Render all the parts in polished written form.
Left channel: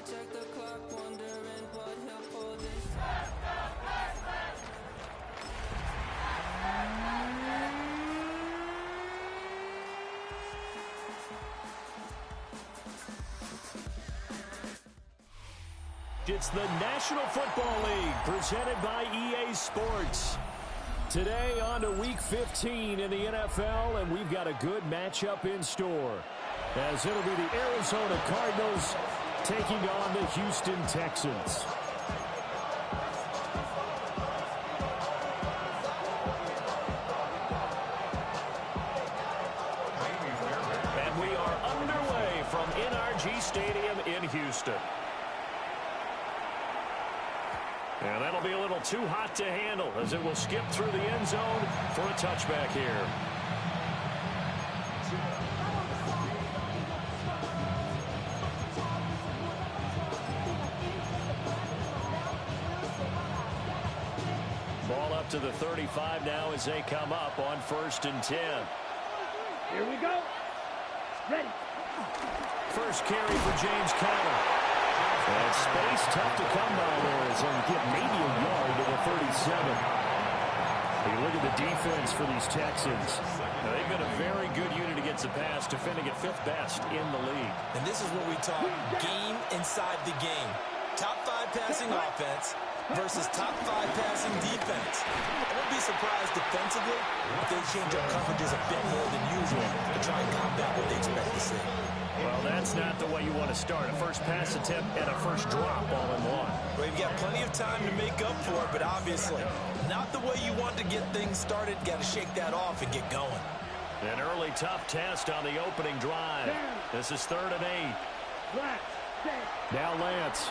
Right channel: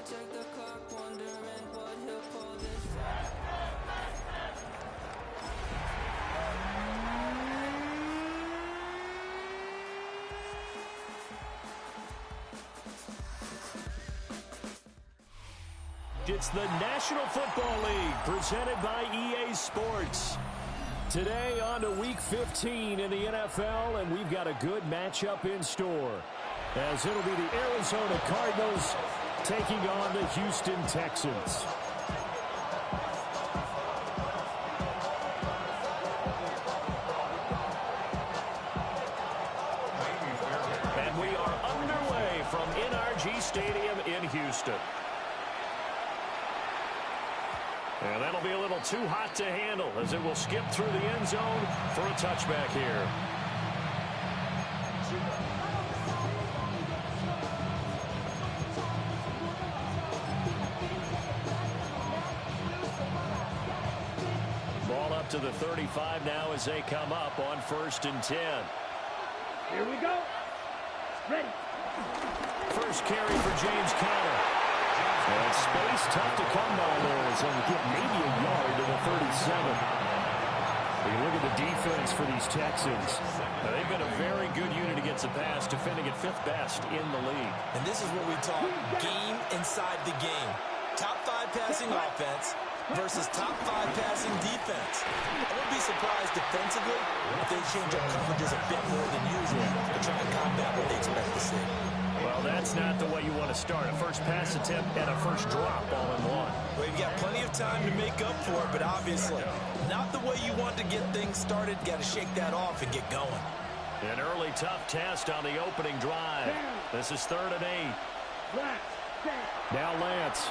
I check the clock, wondering what he'll pull this time. It's the National Football League presented by EA Sports. Today on to Week 15 in the NFL, and we've got a good matchup in store, as it'll be the Arizona Cardinals taking on the Houston Texans. And we are underway from NRG Stadium in Houston. And that'll be a little too hot to handle as it will skip through the end zone for a touchback here. Ball up to the 35 now as they come up on 1st and 10. Here we go. Ready. First carry for James Conner. And space tough to come by there as he'll get maybe a yard to the 37. You look at the defense for these Texans. Now, they've been a very good unit against the pass, defending at 5th best in the league. And this is what we talk game inside the game. Top 5 passing offense versus top 5 passing defense. I wouldn't be surprised defensively if they change up coverages a bit more than usual to try and combat what they expect to see. Well, that's not the way you want to start. A first pass attempt and a first drop all in one. Well, you've got plenty of time to make up for it, but obviously not the way you want to get things started. Got to shake that off and get going. An early tough test on the opening drive. This is 3rd and 8. Now Lance.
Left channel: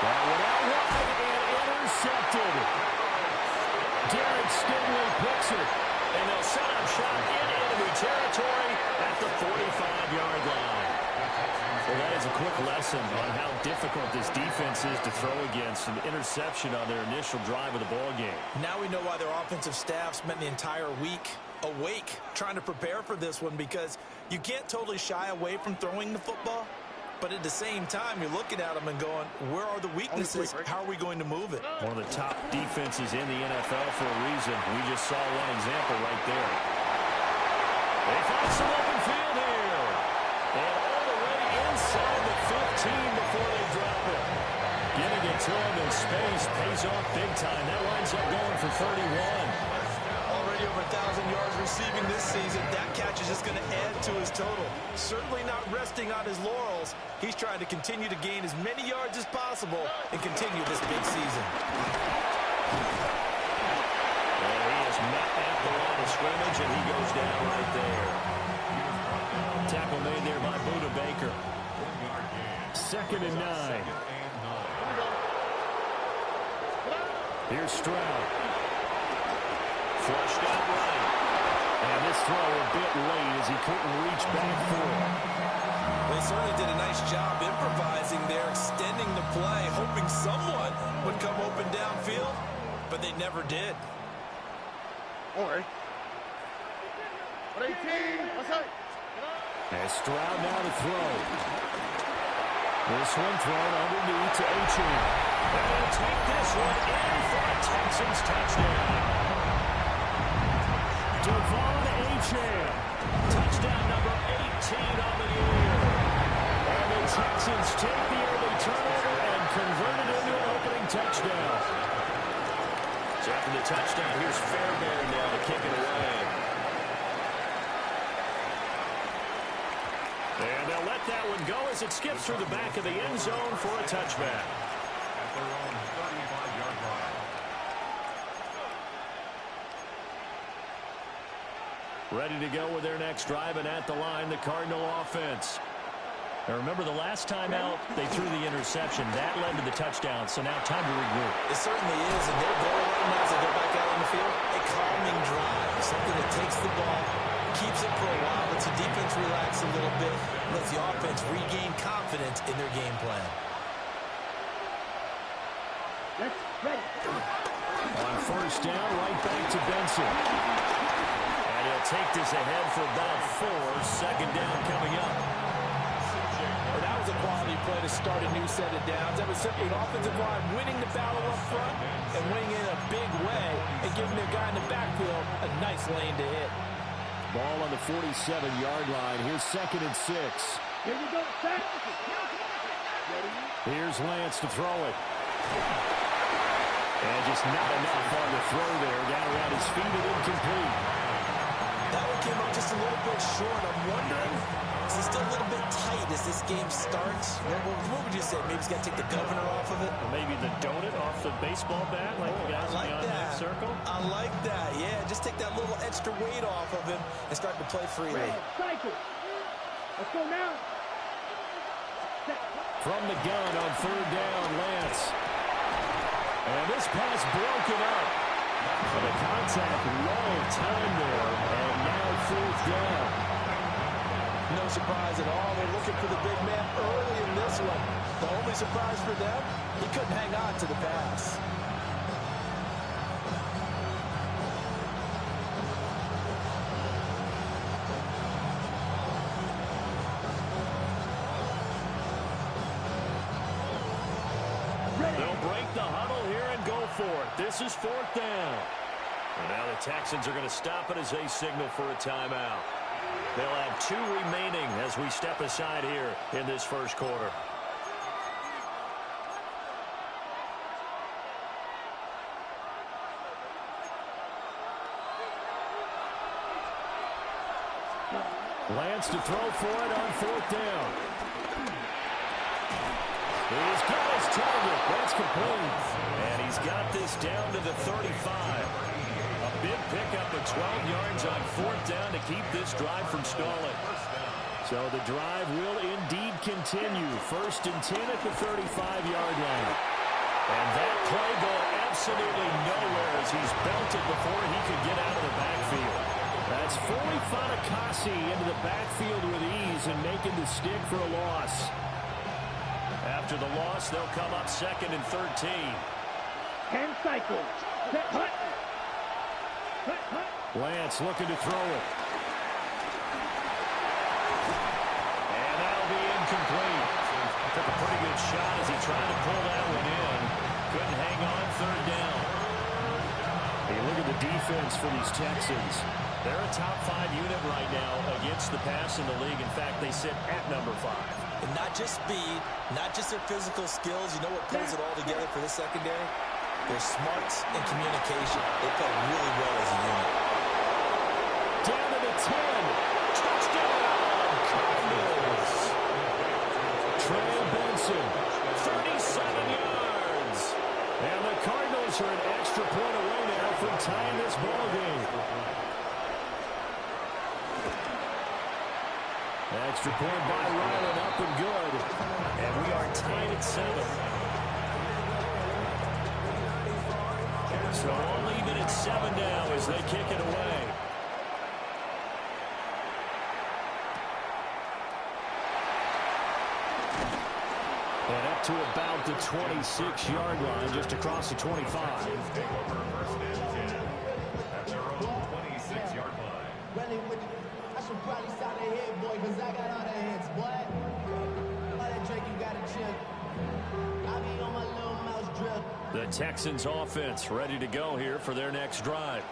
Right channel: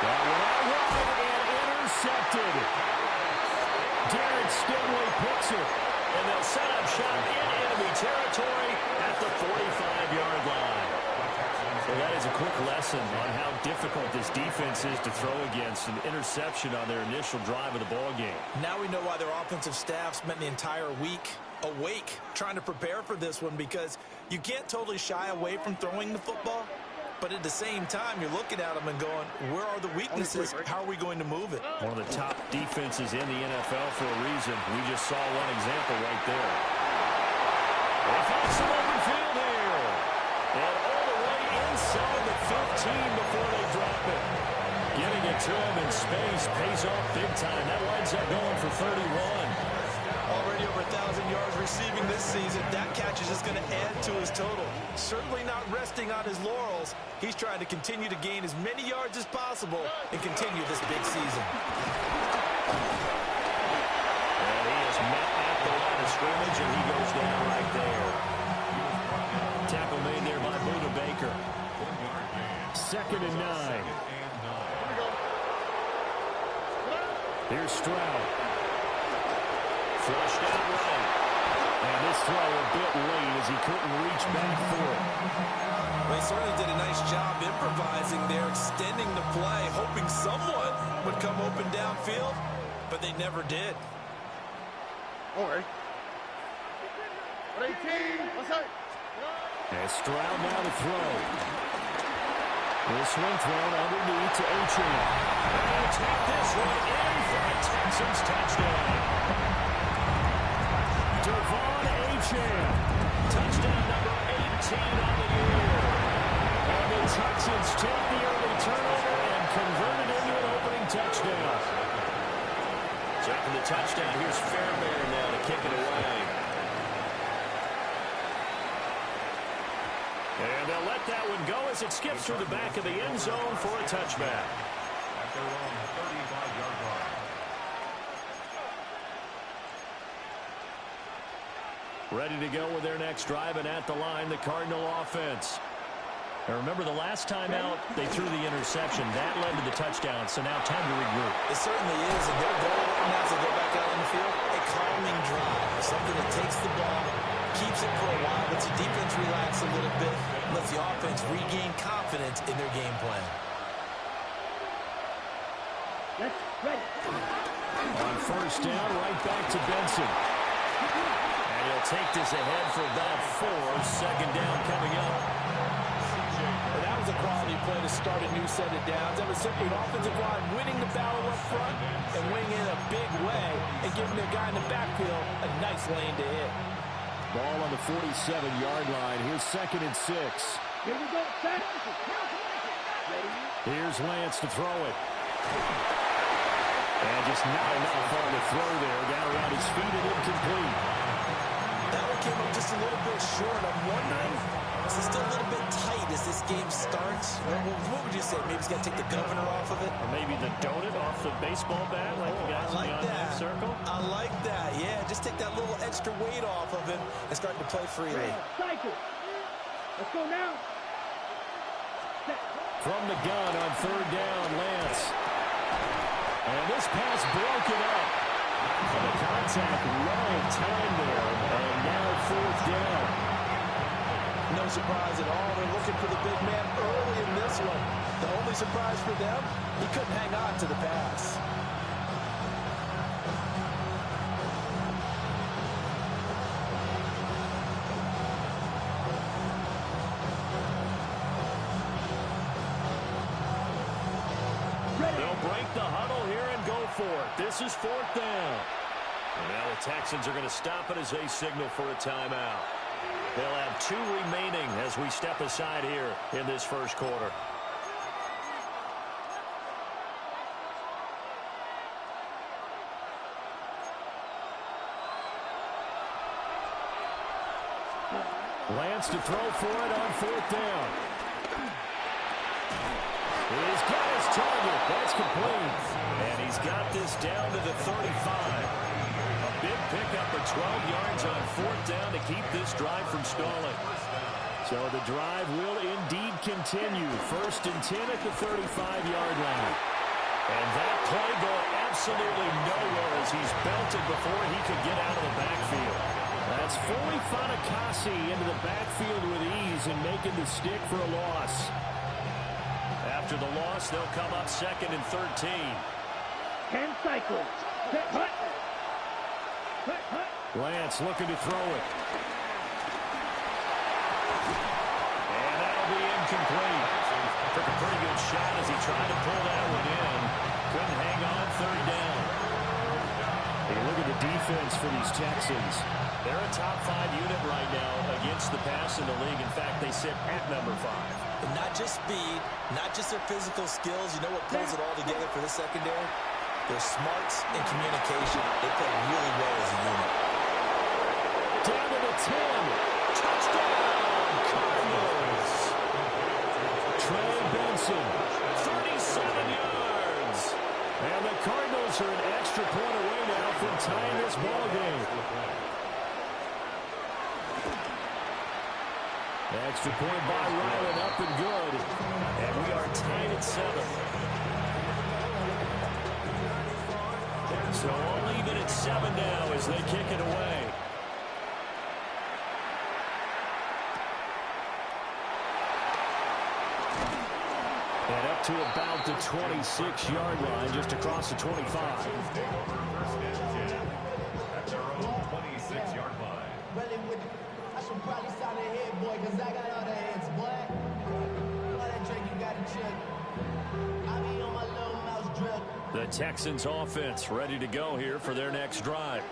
That went out wide and intercepted. Derek Stingley picks it. And they'll set up shop in enemy territory at the 45-yard line. Well, that is a quick lesson on how difficult this defense is to throw against. An interception on their initial drive of the ball game. Now we know why their offensive staff spent the entire week awake trying to prepare for this one, because you can't totally shy away from throwing the football. But at the same time, you're looking at them and going, where are the weaknesses? How are we going to move it? One of the top defenses in the NFL for a reason. We just saw one example right there. They find some open field here. And all the way inside the 15 before they drop it. Getting it to him in space pays off big time. That winds up going for 31. Already over 1,000 yards receiving this season. That catch is just going to add to his total. Certainly not resting on his laurels. He's trying to continue to gain as many yards as possible and continue this big season. And he is met at the line of scrimmage, and he goes down right there. Tackle made there by Buda Baker. 2nd and 9. Here's Stroud. Flushed out right. And this throw a bit late as he couldn't reach back for it. They certainly did a nice job improvising there, extending the play, hoping someone would come open downfield, but they never did. Alright. 18. And Stroud now to throw. This one thrown underneath to Achane. And he'll take this one in for a Texans touchdown. Devon Achane, touchdown number 18 on the year. And the Texans take the early turnover and convert it into an opening touchdown. So after the touchdown, here's Fairbairn now to kick it away. And they'll let that one go as it skips through the back of the end zone for a touchback. At their own 35-yard line. Ready to go with their next drive, and at the line, the Cardinal offense. Now remember, the last time out, they threw the interception. That led to the touchdown, so now time to regroup. It certainly is, and their goal right now as they go back out on the field, a calming drive, something that takes the ball, keeps it for a while, lets the defense relax a little bit, lets the offense regain confidence in their game plan. Let's ready. On 1st down, right back to Benson. And he'll take this ahead for about 4. 2nd down coming up. play to start a new set of downs. That was simply an offensive line winning the battle up front and winning in a big way and giving their guy in the backfield a nice lane to hit. Ball on the 47-yard line. Here's 2nd and 6. Here we go, set. Ready? Here's Lance to throw it. And just not enough on the throw there. Down around his feet and incomplete. That one came up just a little bit short. I'm wondering, is it still a little bit tight as this game starts? What would you say? Maybe he's got to take the governor off of it? Or maybe the donut off the baseball bat like the guys in the on-deck circle? I like that. Yeah, just take that little extra weight off of him and start to play freely. Cycle. Let's go now. Set. From the gun on 3rd down, Lance. And this pass broken up. And the contact, well timed there. And now 4th down. No surprise at all. They're looking for the big man early in this one. The only surprise for them, he couldn't hang on to the pass. They'll break the huddle here and go for it. This is 4th down. And now the Texans are going to stop it as they signal for a timeout. They'll have 2 remaining as we step aside here in this first quarter. Lance to throw for it on 4th down. He's got his target. That's complete. And he's got this down to the 35. A big pickup of 12 yards on 4th down to keep this drive from stalling. So the drive will indeed continue. 1st and 10 at the 35-yard line. And that play going absolutely nowhere as he's belted before he could get out of the backfield. That's fully Fatukasi into the backfield with ease and making the stick for a loss. After the loss, they'll come up 2nd and 13. 10 cycles. Set. Hut. Hut. Hut. Lance looking to throw it. And that'll be incomplete. Took a pretty good shot as he tried to pull that one in. Couldn't hang on 3rd down. Hey, look at the defense for these Texans. They're a top 5 unit right now against the pass in the league. In fact, they sit at number 5. And not just speed, not just their physical skills. You know what pulls it all together for the secondary? Their smarts and communication. They play really well as a unit. Down to the 10. Touchdown, Cardinals. Trey Benson, 37 yards. And the Cardinals are an extra point away now from tying this ball game. Extra point by Ryland, up and good. And we are tied at 7. So all even at 7 now as they kick it away. And up to about the 26-yard line, just across the 25. Take over 1st and 10 at their own 26-yard line. Really I should probably sign a head, boy, because I got all the heads, boy. All that Drake, you got to chill. I be on my little mouse drip. The Texans offense ready to go here for their next drive.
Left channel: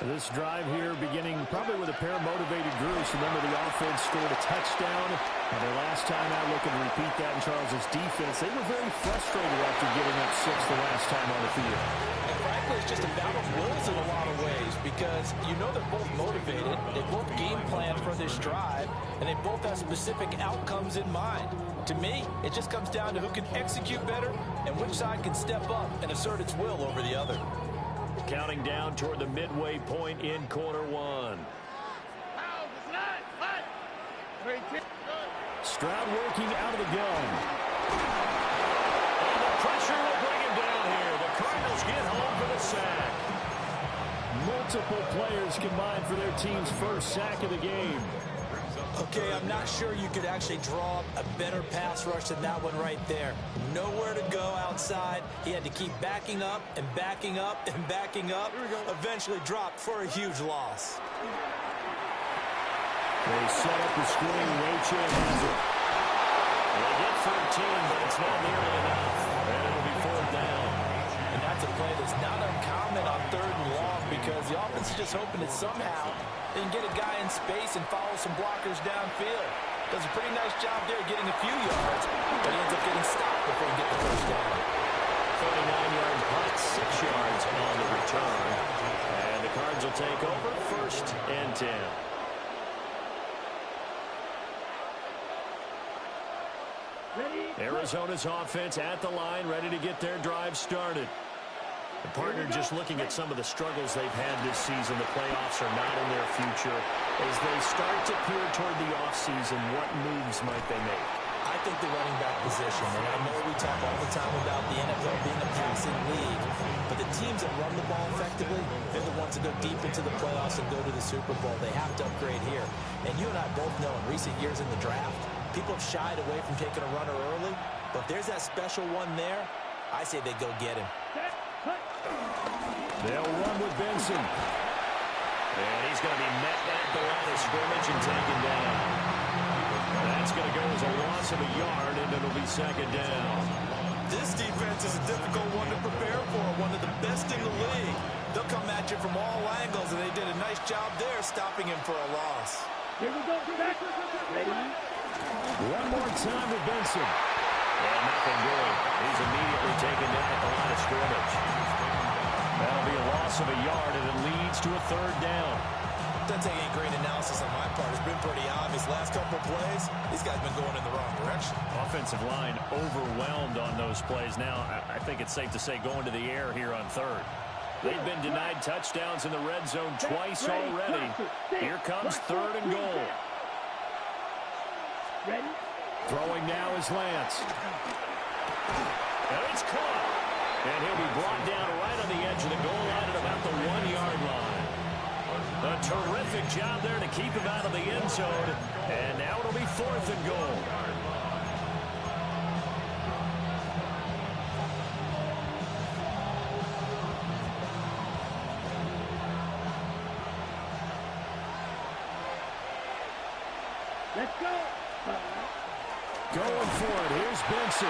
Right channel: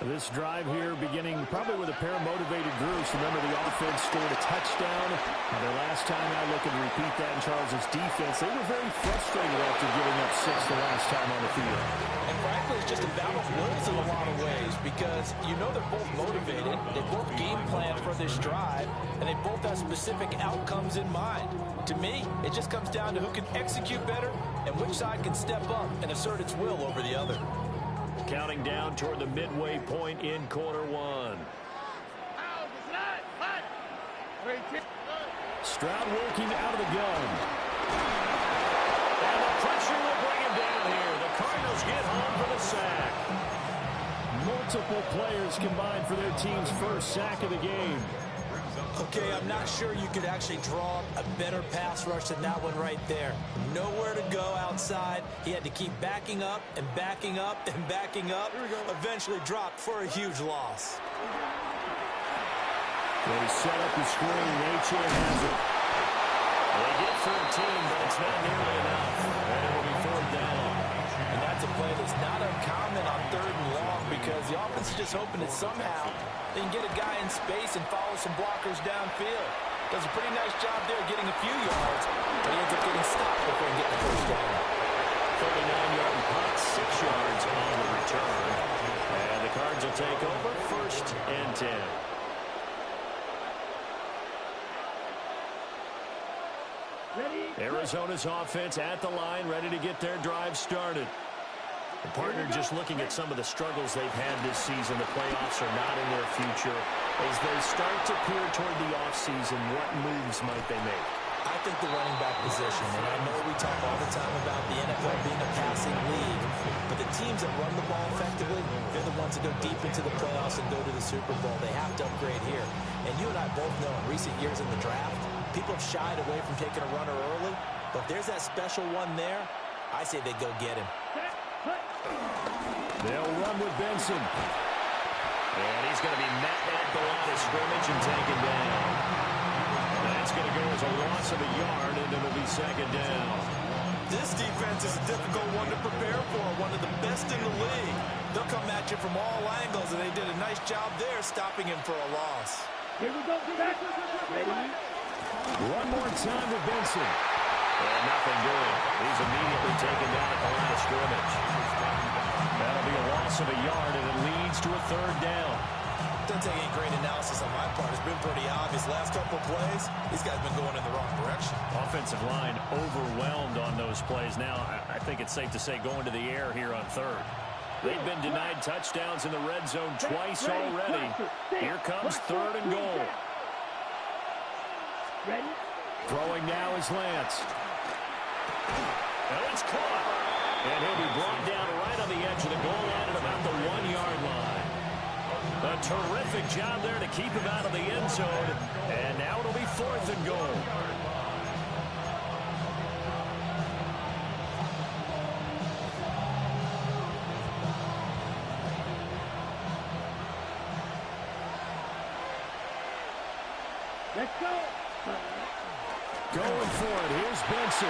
This drive here beginning probably with a pair of motivated groups. Remember, the offense scored a touchdown. Their last time out, looking to repeat that in Charles's defense. They were very frustrated after giving up 6 the last time on the field. And frankly, it's just a battle of wills in a lot of ways because you know they're both motivated. They both game plan for this drive, and they both have specific outcomes in mind. To me, it just comes down to who can execute better and which side can step up and assert its will over the other. Counting down toward the midway point in quarter 1. Stroud working out of the gun. And the pressure will bring him down here. The Cardinals get home for the sack. Multiple players combined for their team's first sack of the game. Okay, I'm not sure you could actually draw up a better pass rush than that one right there. Nowhere to go outside. He had to keep backing up and backing up and backing up. Eventually dropped for a huge loss. They set up the screen. Achane has it. They get 13, but it's not nearly enough. And it'll be 4th down. And that's a play that's not uncommon on 3rd and long because the offense is just hoping that somehow they can get a guy in space and follow some blockers downfield. Does a pretty nice job there getting a few yards, but he ends up getting stopped before he can get the 1st down. 39-yard punt, 6 yards on the return. And the Cards will take over 1st and 10. Arizona's offense at the line, ready to get their drive started. The partner just looking at some of the struggles they've had this season. The playoffs are not in their future. As they start to peer toward the offseason, what moves might they make? I think the running back position, and I know we talk all the time about the NFL being a passing league, but the teams that run the ball effectively, they're the ones that go deep into the playoffs and go to the Super Bowl. They have to upgrade here. And you and I both know in recent years in the draft, people have shied away from taking a runner early, but if there's that special one there, I say they go get him. They'll run with Benson. And he's going to be met at the line of scrimmage and taken down. That's going to go as a loss of a yard, and it'll be 2nd down. This defense is a difficult one to prepare for, one of the best in the league. They'll come at you from all angles, and they did a nice job there stopping him for a loss. Here we go. Back. Ready? One more time with Benson. And nothing doing. He's immediately taken down at the line of scrimmage. That'll be a loss of a yard, and it leads to a 3rd down. Doesn't take any great analysis on my part. It's been pretty obvious. Last couple of plays, these guys have been going in the wrong direction. Offensive line overwhelmed on those plays. Now, I think it's safe to say going to the air here on 3rd. They've been denied touchdowns in the red zone twice already. Here comes 3rd and goal. Ready? Throwing now is Lance. And it's caught. And he'll be brought down right on the edge of the goal line at about the 1-yard line. A terrific job there to keep him out of the end zone. And now it'll be 4th and goal. Let's go. Going for it. Here's Benson.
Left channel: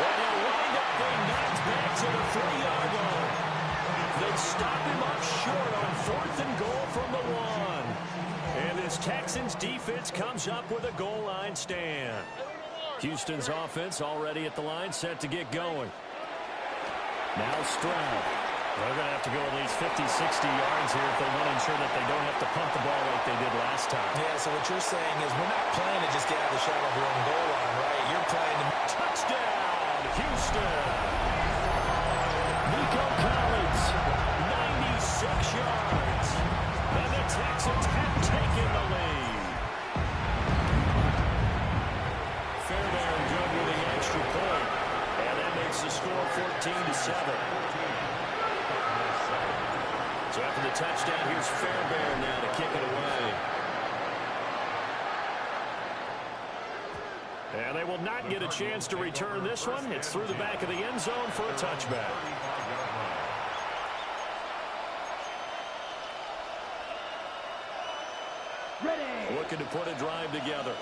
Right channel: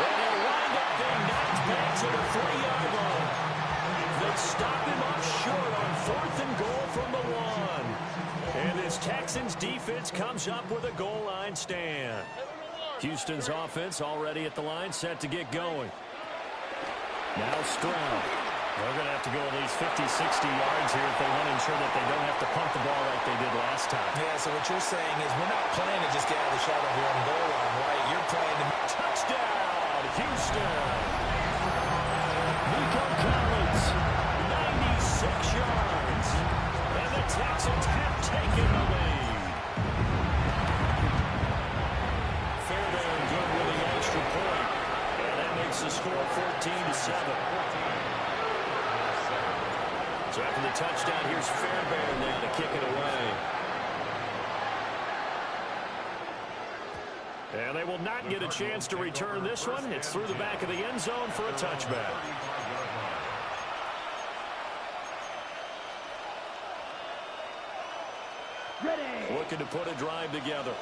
And he'll wind up being knocked back to the 3-yard line. They stop him up short on 4th and goal from the 1. And this Texans defense comes up with a goal line stand. Houston's offense already at the line, set to get going. Now Stroud. They're going to have to go at least 50, 60 yards here if they want to ensure that they don't have to pump the ball like they did last time. Yeah, so what you're saying is we're not playing to just get out of the shadow of your own goal line, right? You're playing to... Touchdown, Houston. Nico Collins, 96 yards. And the Texans have taken the lead. Fairbairn good with the extra point. And that makes the score 14-7. So after the touchdown, here's Fairbairn now to kick it away. And they will not get a chance to return this one. It's through the back of the end zone for a touchback. Ready. Looking to put a drive together.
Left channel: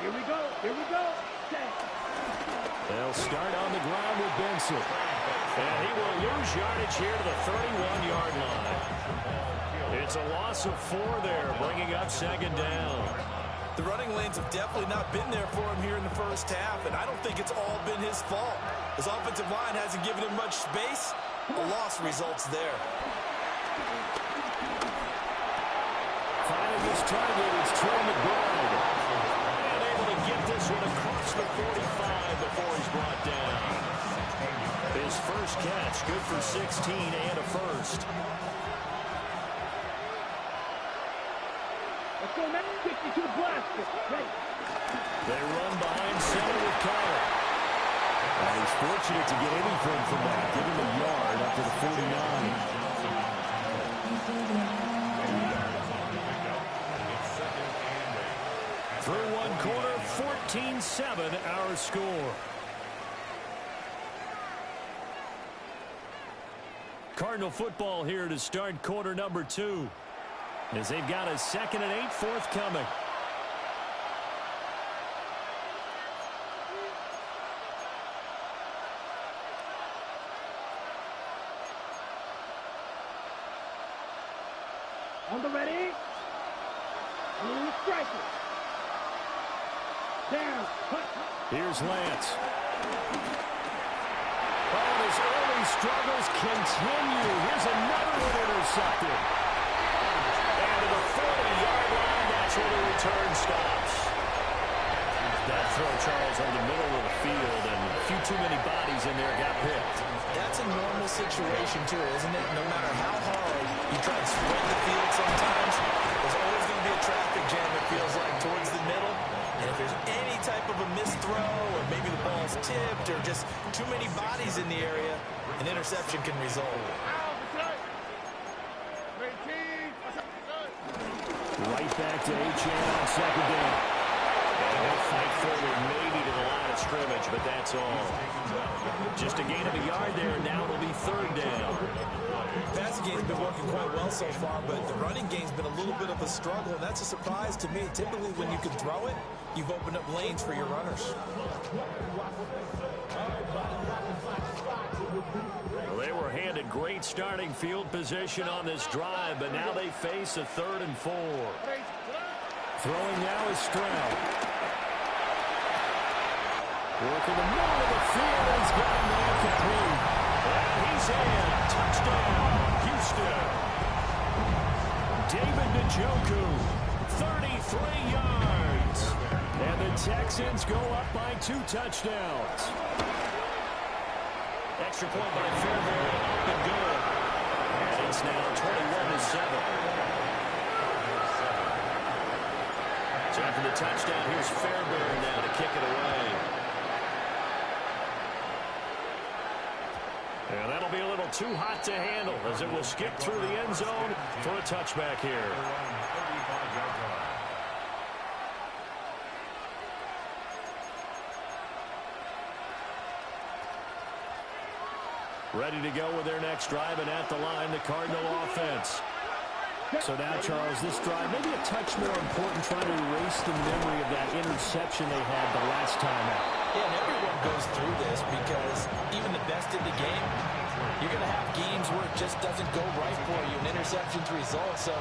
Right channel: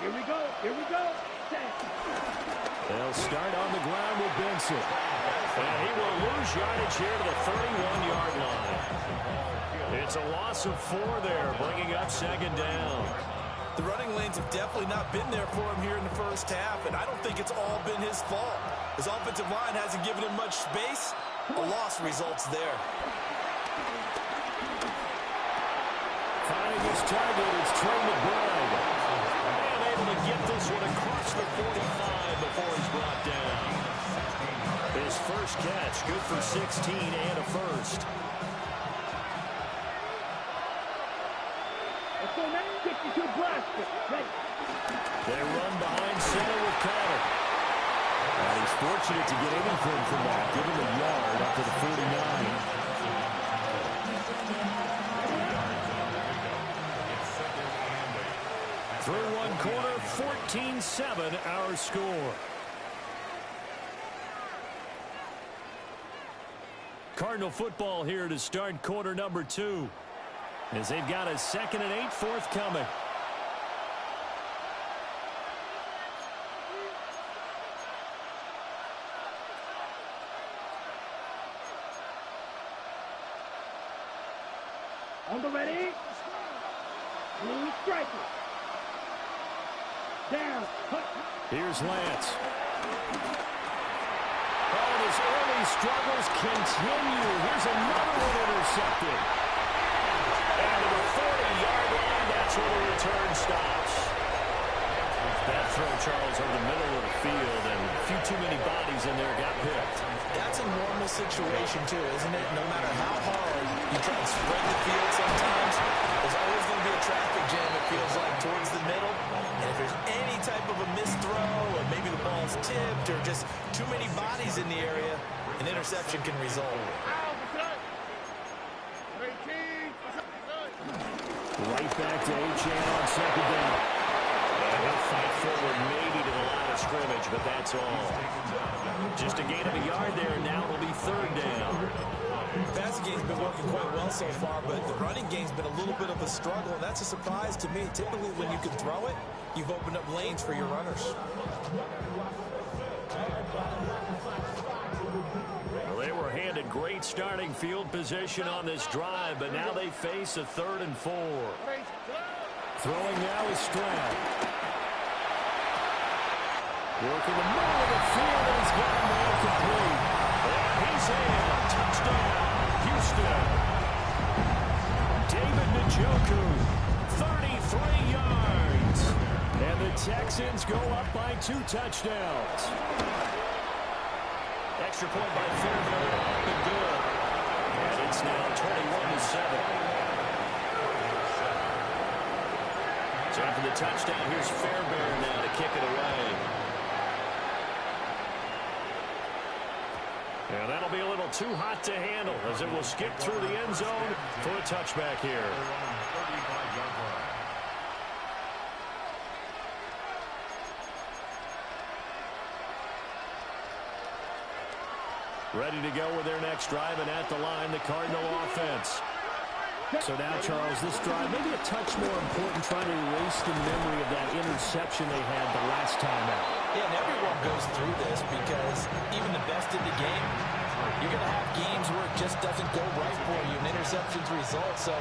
Here we go. Here we go. Set. They'll start on the ground with Benson. And he will lose yardage here to the 31-yard line. It's a loss of 4 there, bringing up 2nd down. The running lanes have definitely not been there for him here in the first half, and I don't think it's all been his fault. His offensive line hasn't given him much space. A loss results there. Finding his target, it's Trey McBride. And able to get this one across the 45 before he's brought down. His first catch, good for 16 and a first. Let's go, man. 52 blast. Ready. They run behind center with Connor. And he's fortunate to get anything from that. Give him a yard up to the 49. Through one quarter, 14-7 our score. Cardinal football here to start quarter number 2. As they've got a 2nd and 8 forthcoming. Blue striker. Down. Cut. Here's Lance. Oh, and his early struggles continue. Here's another one intercepted. And to the 40-yard line, that's where the return stops. That throw, Charles, over the middle of the field, and a few too many bodies in there got picked. That's a normal situation, too, isn't it? No matter how hard you try and spread the field sometimes, there's always going to be a traffic jam, it feels like, towards the middle. And if there's any type of a missed throw, or maybe the ball's tipped, or just too many bodies in the area, an interception can result. Right back to Achane on second down. And he'll fight forward maybe to the line of scrimmage, but that's all. Just a gain of a yard there, and now it'll be third down. Passing game's been working quite well so far, but the running game's been a little bit of a struggle, and that's a surprise to me. Typically, when you can throw it, you've opened up lanes for your runners. Well, they were handed great starting field position on this drive, but now they face a 3rd and 4. Throwing now is Stroud. Working the middle of the field, and he's got a man complete. And he's in. Touchdown, Houston. David Njoku, 33 yards. And the Texans go up by 2 touchdowns. Extra point by Fairbairn, up and good. And it's now 21-7. So after the touchdown, here's Fairbairn now to kick it away. And that'll be a little too hot to handle as it will skip through the end zone for a touchback here. Ready to go with their next drive, and at the line, the Cardinal offense. So now, Charles, this drive maybe a touch more important, trying to erase the memory of that interception they had the last time out. Yeah, and everyone goes through this because even the best in the game, you're going to have games where it just doesn't go right for you, and interceptions result. So,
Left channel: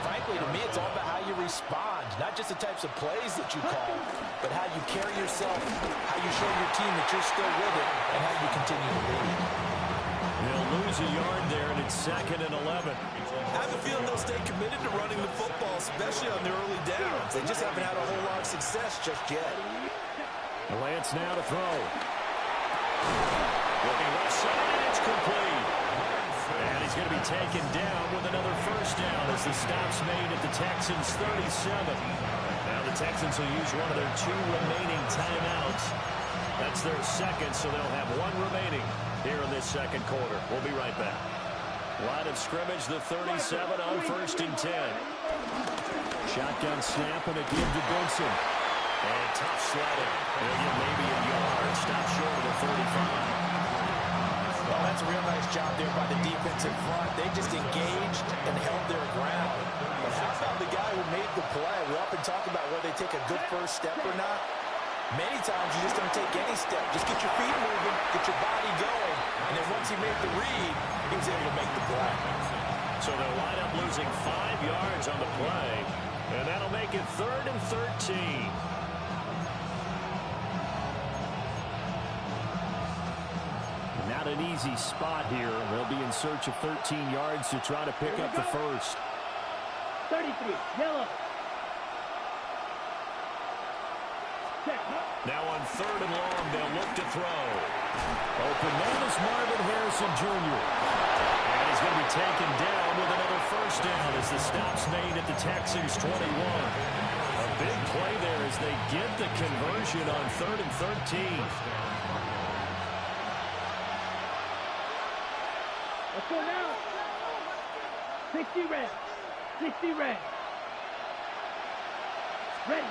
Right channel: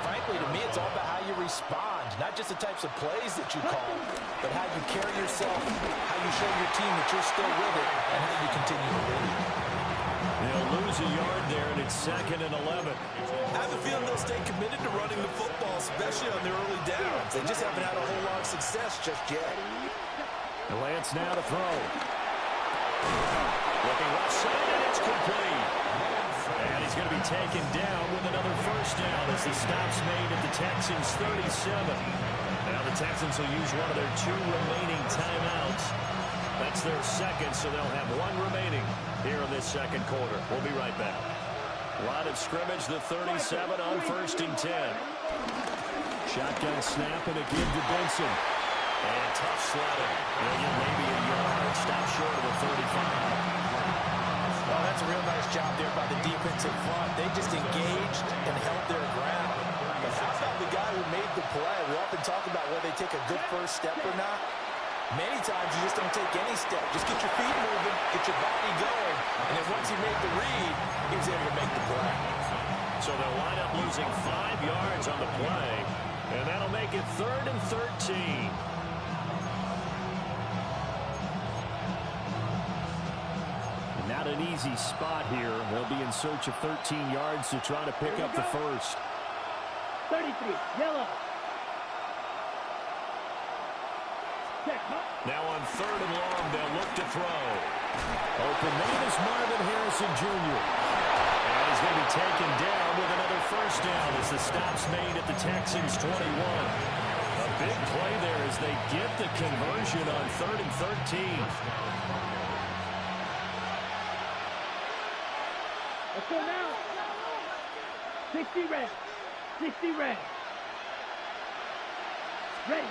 frankly, to me, it's all about how you respond, not just the types of plays that you call, but how you carry yourself, how you show your team that you're still with it, and how you continue to lead. They'll lose a yard there, and it's 2nd and 11. I have a feeling they'll stay committed to running the football, especially on their early downs. They just haven't had a whole lot of success just yet. Lance now to throw. Looking left side, and it's complete. And he's going to be taken down with another first down as the stop's made at the Texans' 37. Now the Texans will use one of their 2 remaining timeouts. That's their second, so they'll have 1 remaining here in this second quarter. We'll be right back. Line of scrimmage, the 37 on 1st and 10. Shotgun snap and a give to Benson. And tough sledding. He'll get maybe a yard. Stop short of the 35. Well, that's a real nice job there by the defensive front. They just engaged and held their ground. But how about the guy who made the play? We often talk about whether they take a good first step or not. Many times you just don't take any step. Just get your feet moving, get your body going, and then once he made the read, he was able to make the play. So they'll wind up losing 5 yards on the play, and that'll make it 3rd and 13. Not an easy spot here. They'll be in search of 13 yards to try to pick up the first. 33, yellow. Now on 3rd and long, they'll look to throw. Open man is Marvin Harrison Jr. And he's going to be taken down with another first down as the stop's made at the Texans' 21. A big play there as they get the conversion on 3rd and 13. Let's go now. 60 red. 60 red. Ready.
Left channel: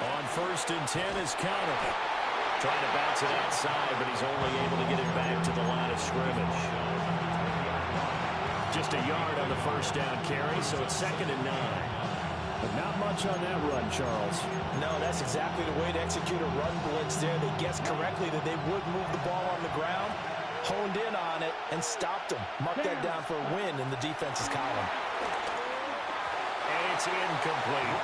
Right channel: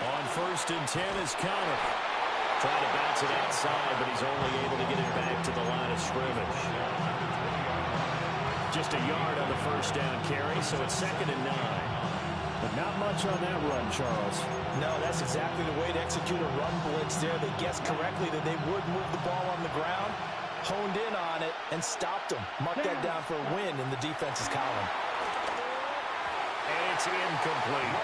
On 1st and 10 is Connor. Trying to bounce it outside, but he's only able to get it back to the line of scrimmage. Just a yard on the first down carry, so it's 2nd and 9. But not much on that run, Charles. No, that's exactly the way to execute a run blitz there. They guessed correctly that they would move the ball on the ground, honed in on it, and stopped them. Mark that down for a win in the defense's column. And it's incomplete.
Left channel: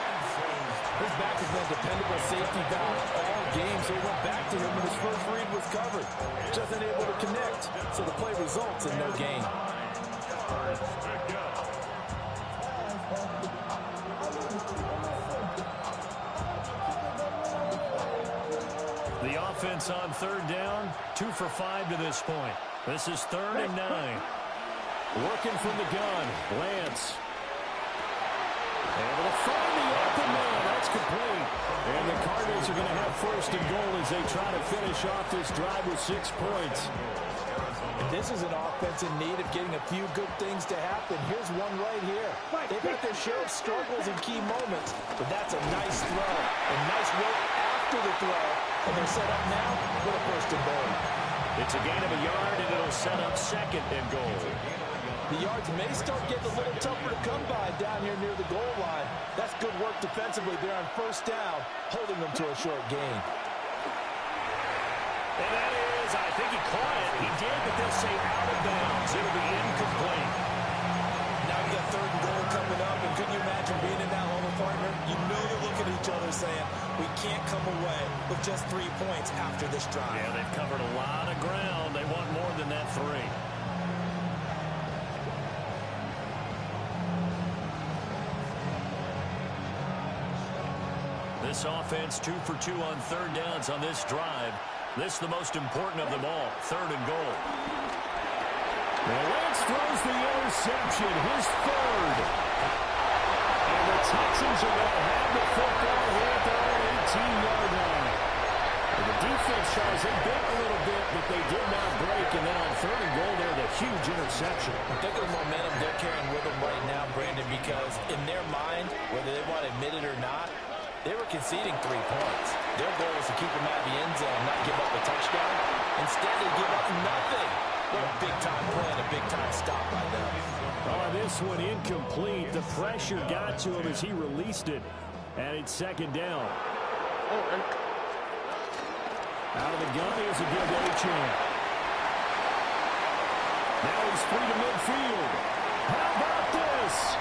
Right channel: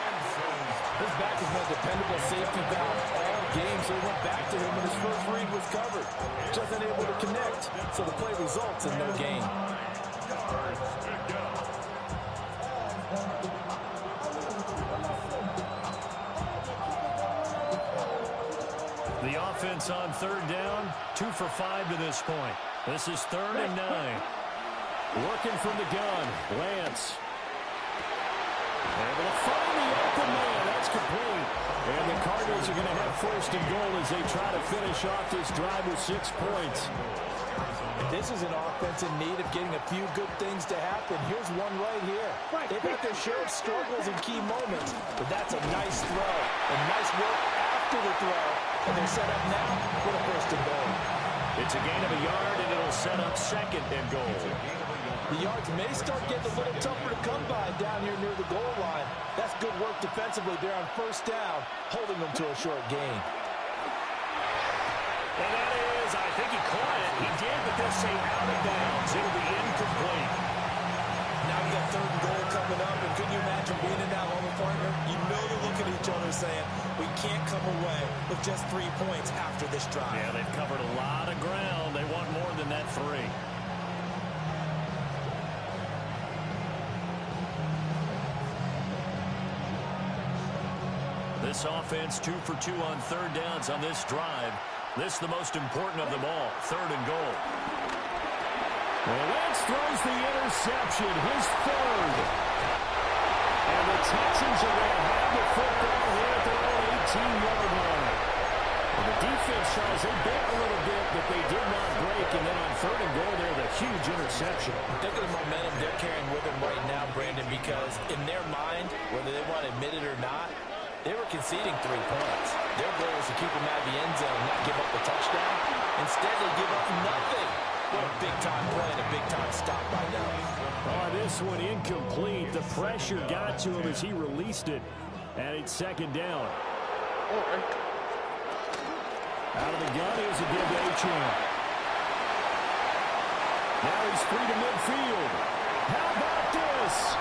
His back has been a dependable safety valve all game, so he went back to him when his first read was covered. Just unable to connect, so the play results in no gain. The offense on third down, 2 for 5 to this point. This is 3rd and 9. Working from the gun, Lance. Able to find the open man. That's complete. And the Cardinals are going to have 1st and goal as they try to finish off this drive with 6 points. This is an offense in need of getting a few good things to happen. Here's one right here. They've had their share of struggles in key moments, but that's a nice throw. And nice work after the throw. And they're set up now with a 1st and goal. It's a gain of a yard, and it'll set up 2nd and goal. The yards may start getting a little tougher to come by down here near the goal line. That's good work defensively there on 1st down, holding them to a short gain. And that is, I think he caught it. He did, but they'll say out of bounds. It'll be incomplete. Now you got 3rd and goal coming up, and couldn't you imagine being in that level, partner? You know they're looking at each other saying, we can't come away with just 3 points after this drive. Yeah, they've covered a lot of ground. They want more than that 3. This offense 2 for 2 on 3rd downs on this drive. This is the most important of them all, 3rd and goal. And Lance throws the interception, his 3rd. And the Texans are going to have the football here at their own 18-yard line. And the defense, Charles, they bit a little bit, but they did not break. And then on 3rd and goal there, the huge interception. Look at the momentum they're carrying with them right now, Brandon, because in their mind, whether they want to admit it or not, they were conceding 3 points. Their goal was to keep them out of the end zone, not give up a touchdown. Instead, they give up nothing. What a big-time play and a big-time stop by them. Oh, this one incomplete. The pressure got to him as he released it. And it's 2nd down. Out of the gun, here's a give to Achane. Now he's free to midfield. How about this?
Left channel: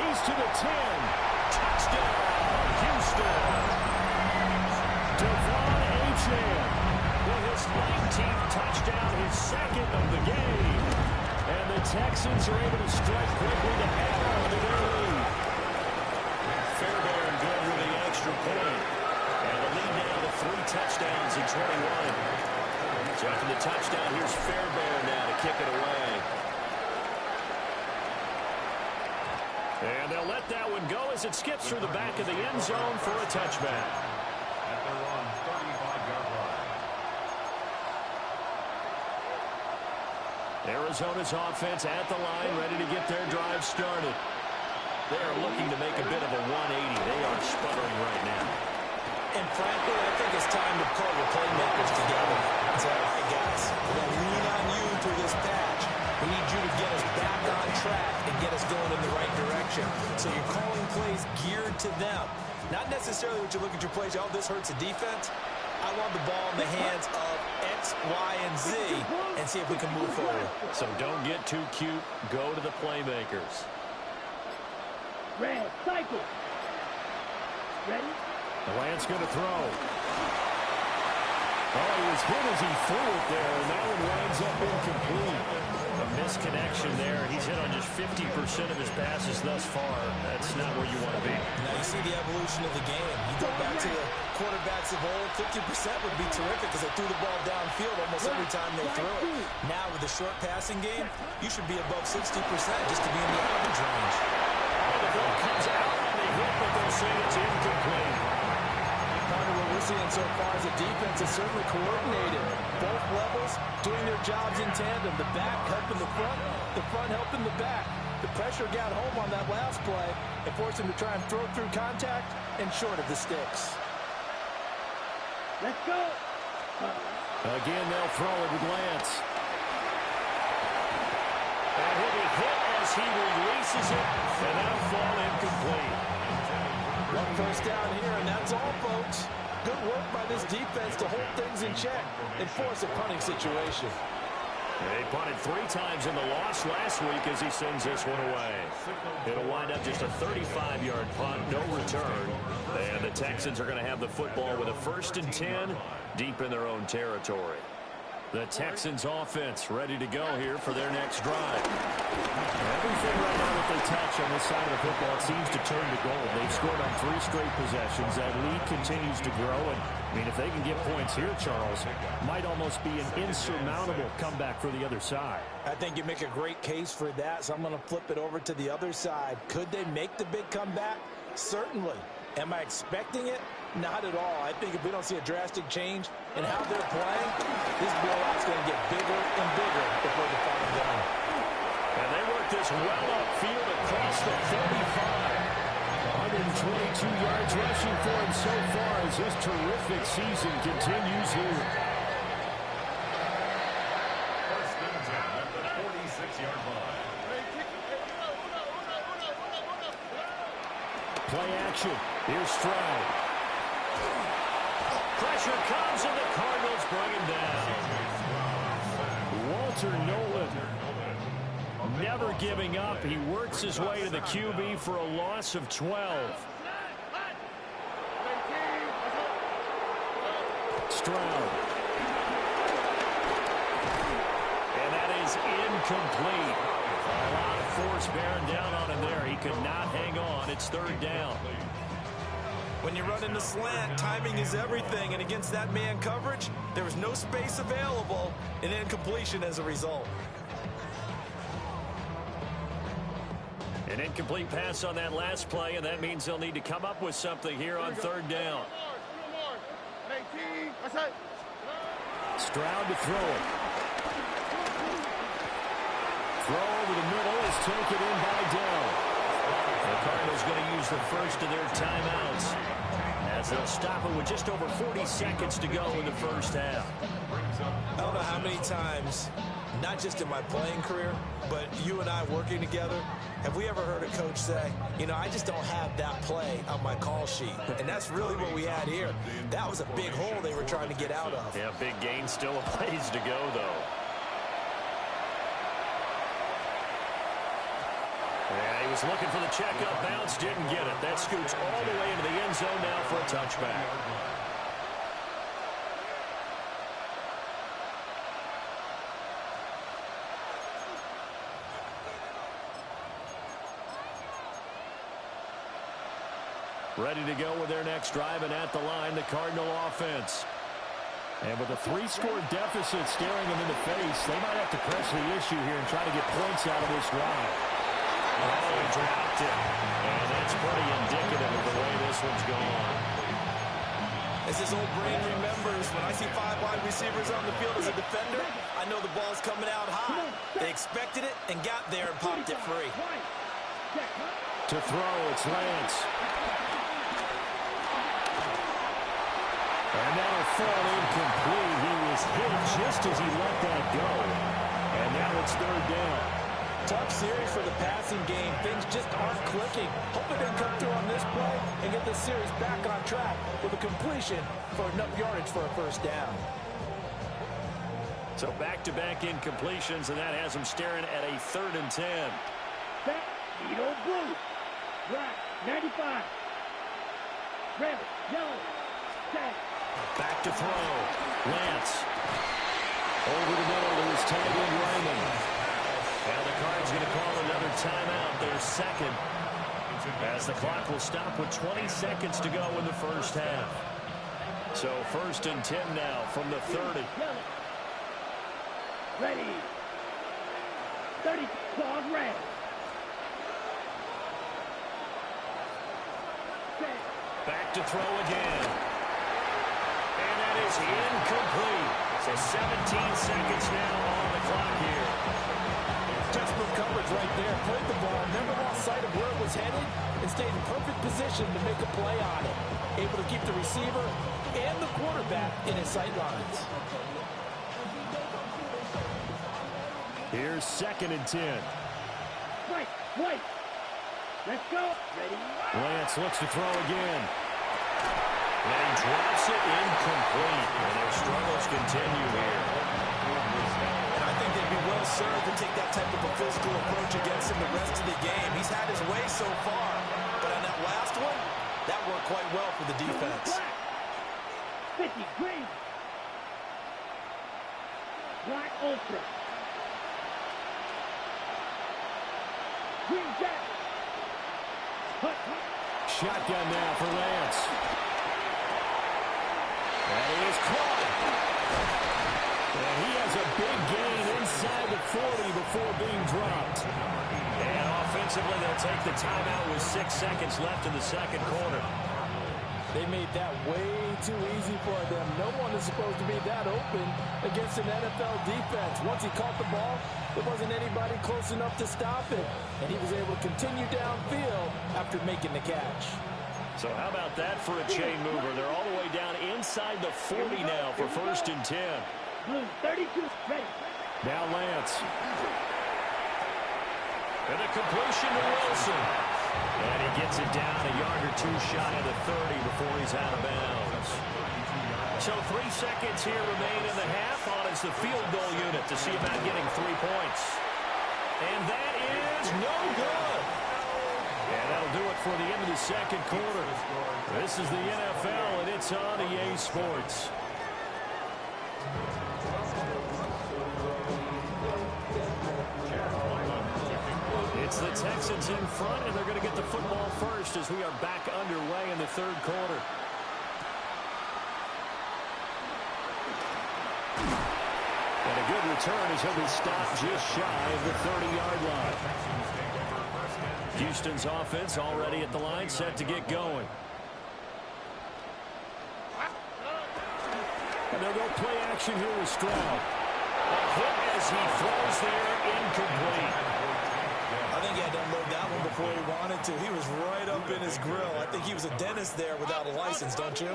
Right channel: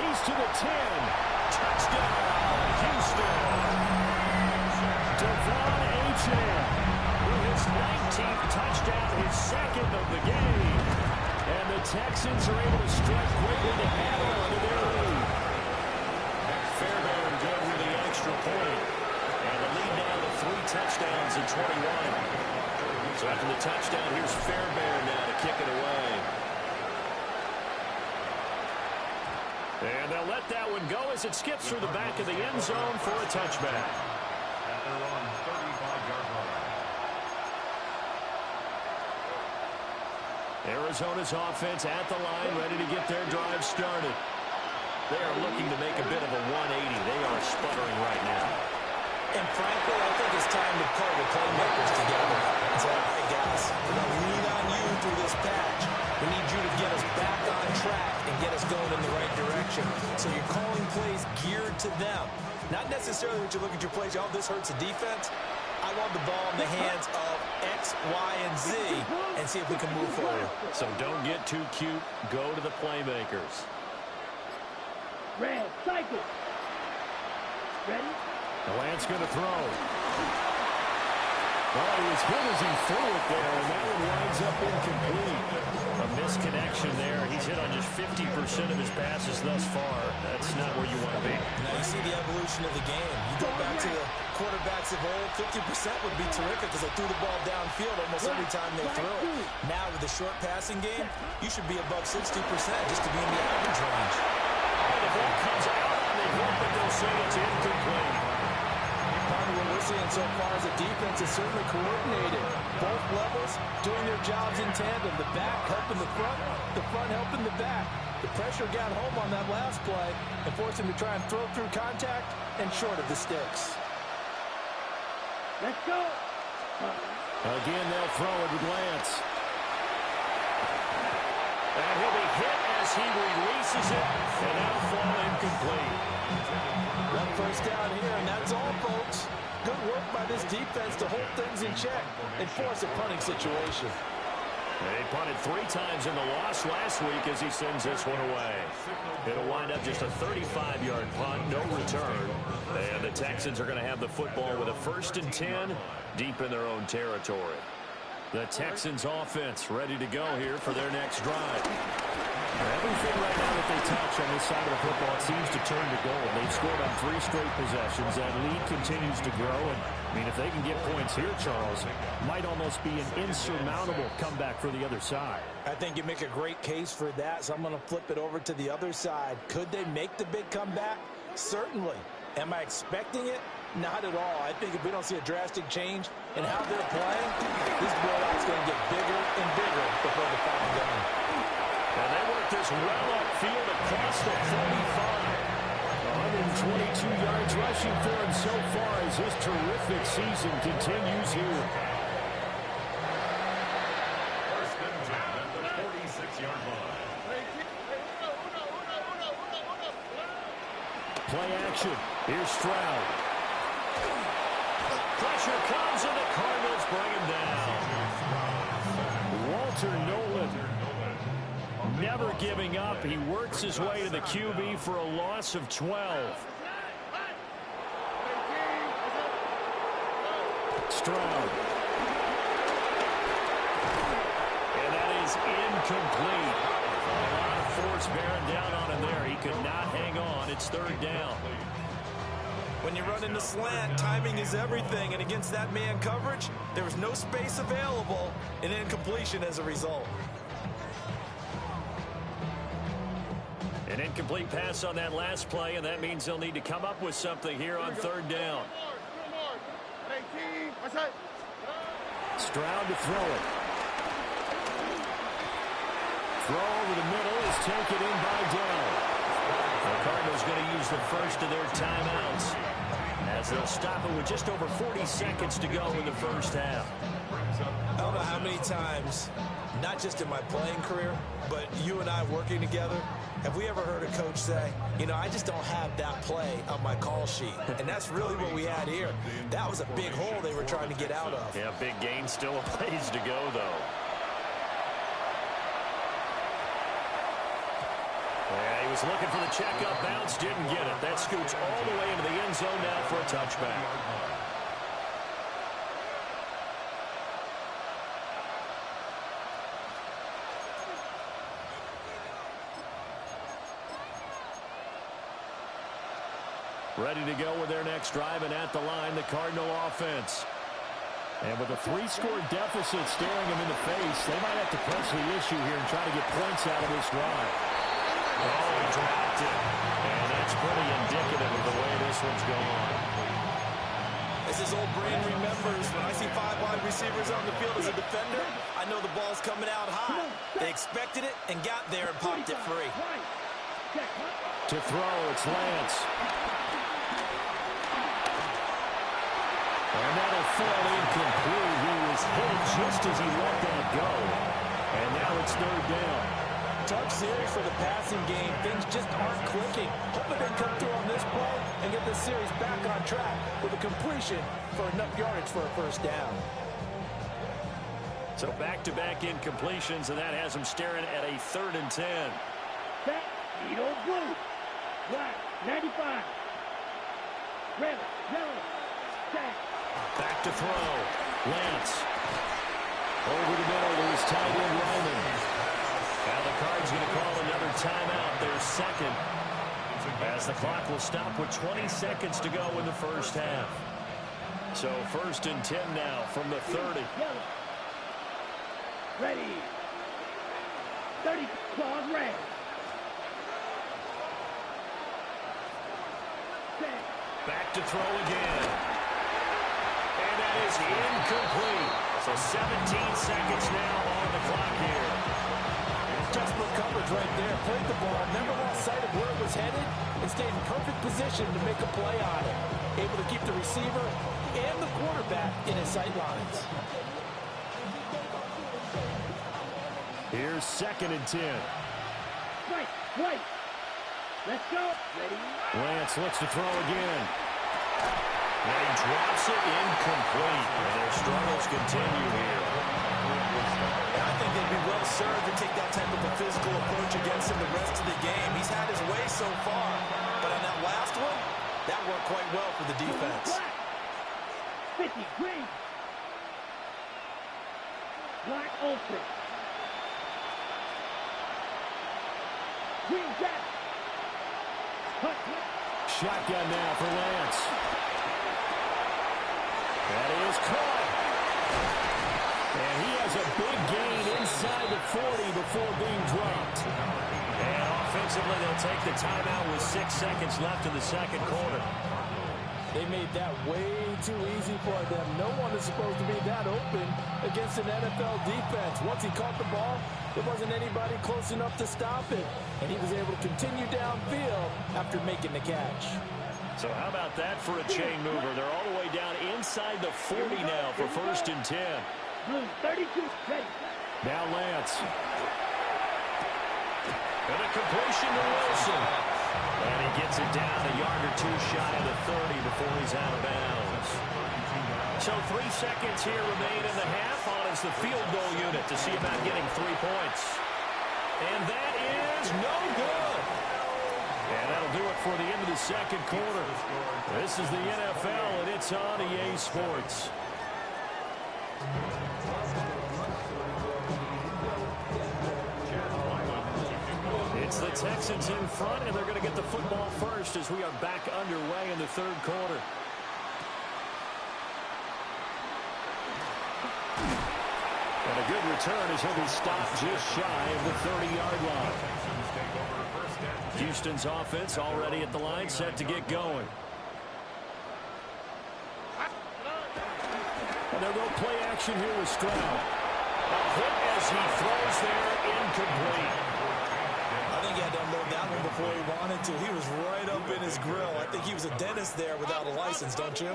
He's to the 10. Touchdown, Houston. Devon Achane with his 19th touchdown, his 2nd of the game. And the Texans are able to strike quickly to add on to their lead. Fairbairn good with the extra point. And the lead now to 3 touchdowns in 21. So after the touchdown, here's Fairbairn now to kick it away. And they'll let that one go as it skips through the back of the end zone for a touchback. At their own 35-yard line. Arizona's offense at the line, ready to get their drive started. They are looking to make a bit of a 180. They are sputtering right now. And frankly, I think it's time to call your playmakers together and say, all right, guys, we're going to lean on you through this patch. We need you to get us back on track and get us going in the right direction. So you're calling plays geared to them. Not necessarily what you look at your plays, oh, this hurts the defense. I want the ball in the hands of X, Y, and Z and see if we can move forward. So don't get too cute. Go to the playmakers. Red, cycle. Ready? The Lance going to throw. Oh, he was hit as he threw it there, and that one winds up incomplete. A misconnection there. He's hit on just 50% of his passes thus far. That's not where you want to be. Now you see the evolution of the game. You go back to the quarterbacks of old, 50% would be terrific because they threw the ball downfield almost every time they threw it. Now with the short passing game, you should be above 60% just to be in the average range. Oh, the ball comes out on the hit, but they'll say it's incomplete. Partner, what we're seeing so far is the defense is certainly coordinated. Both levels doing their jobs in tandem. The back helping the front helping the back. The pressure got home on that last play and forced him to try and throw through contact and short of the sticks. Let's go. Again, they'll throw it with Lance. And he'll be hit as he releases it, and that'll fall incomplete. One first down here, and that's all, folks. Good work by this defense to hold things in check and force a punting situation. They punted 3 times in the loss last week as he sends this one away. It'll wind up just a 35-yard punt, no return. And the Texans are going to have the football with a 1st and 10 deep in their own territory. The Texans offense ready to go here for their next drive. Everything right now that they touch on this side of the football, it seems to turn to gold. They've scored on 3 straight possessions. That lead continues to grow. And, I mean, if they can get points here, Charles, might almost be an insurmountable comeback for the other side. I think you make a great case for that, so I'm going to flip it over to the other side. Could they make the big comeback? Certainly. Am I expecting it? Not at all. I think if we don't see a drastic change in how they're playing, this blowout's going to get bigger and bigger before the final gun. And they work this well upfield across the 45. 122 yards rushing for him so far as his terrific season continues here. 1st and 10 at the 46-yard line. Play action. Here's Stroud. Pressure comes, and the Cardinals bring him down. Walter Nolan. Never giving up. He works his way to the QB for a loss of 12. Stroud. And that is incomplete. A lot of force bearing down on him there. He could not hang on. It's 3rd down. When you run in the slant, timing is everything. And against that man coverage, there was no space available. An incompletion as a result. An incomplete pass on that last play, and that means they'll need to come up with something here on 3rd down. Stroud to throw it. Throw over the middle is taken in by Dell. The Cardinals going to use the first of their timeouts as they'll stop it with just over 40 seconds to go in the 1st half. I don't know how many times, not just in my playing career, but you and I working together, have we ever heard a coach say, you know, I just don't have that play on my call sheet? And that's really what we had here. That was a big hole they were trying to get out of. Yeah, big gain, still a ways to go, though. Yeah, he was looking for the checkup bounce, didn't get it. That scoots all the way into the end zone now for a touchback. Ready to go with their next drive, and at the line, the Cardinal offense. And with a 3-score deficit staring them in the face, they might have to press the issue here and try to get points out of this drive. Oh, he dropped it. And that's pretty indicative of the way this one's gone. As his old brain remembers, when I see 5 wide receivers on the field as a defender, I know the ball's coming out high. They expected it and got there and popped it free. To throw, it's Lance. And that'll fall incomplete. He was hit just as he let that go. And now it's 3rd down. Tough series for the passing game. Things just aren't clicking. Hoping they can come through on this play and get this series back on track with a completion for enough yardage for a 1st down. So back-to-back incompletions, and that has them staring at a 3rd and 10. Set, Edo blue, black, 95, red, yellow, set. Back to throw. Lance. Over the middle to his tight end, Ryman. Now the Cards going to call another timeout, their 2nd, as the clock will stop with 20 seconds to go in the 1st half. So 1st and 10 now from the 30. Yellow. Ready. 30, claws red. Set. Back to throw again. And that is incomplete. So 17 seconds now on the clock here. Textbook coverage right there. Played the ball, never lost sight of where it was headed, and stayed in perfect position to make a play on it. Able to keep the receiver and the quarterback in his sight lines. Here's 2nd and 10. Right. Let's go. Ready. Lance looks to throw again. And he drops it incomplete. And their struggles continue here. And I think they'd be well served to take that type of a physical approach against him the rest of the game. He's had his way so far. But on that last one, that worked quite well for the defense. 50, green. Black ultra. Green jack. Shotgun now for Lance. That is caught. And he has a big gain inside the 40 before being dropped. And offensively, they'll take the timeout with 6 seconds left in the second quarter. They made that way too easy for them. No one is supposed to be that open against an NFL defense. Once he caught the ball, there wasn't anybody close enough to stop it. And he was able to continue downfield after making the catch. So how about that for a chain mover? They're all the way down inside the 40 now for 1st and 10. Blue, 32, ready. Now Lance. And a completion to Wilson. And he gets it down a yard or two shy of the 30 before he's out of bounds. So 3 seconds here remain in the half. On is the field goal unit to see about getting 3 points. And that is no good. And that'll do it for the end of the second quarter. This is the NFL, and it's on EA Sports. It's the Texans in front, and they're going to get the football first as we are back underway in the third quarter. And a good return as he'll be stopped just shy of the 30-yard line. Houston's offense already at the line, set to get going. And they'll go play action here with Stroud. A hit as he throws there, incomplete. I think he had to unload that one before he wanted to. He was right up in his grill. I think he was a dentist there without a license, don't you?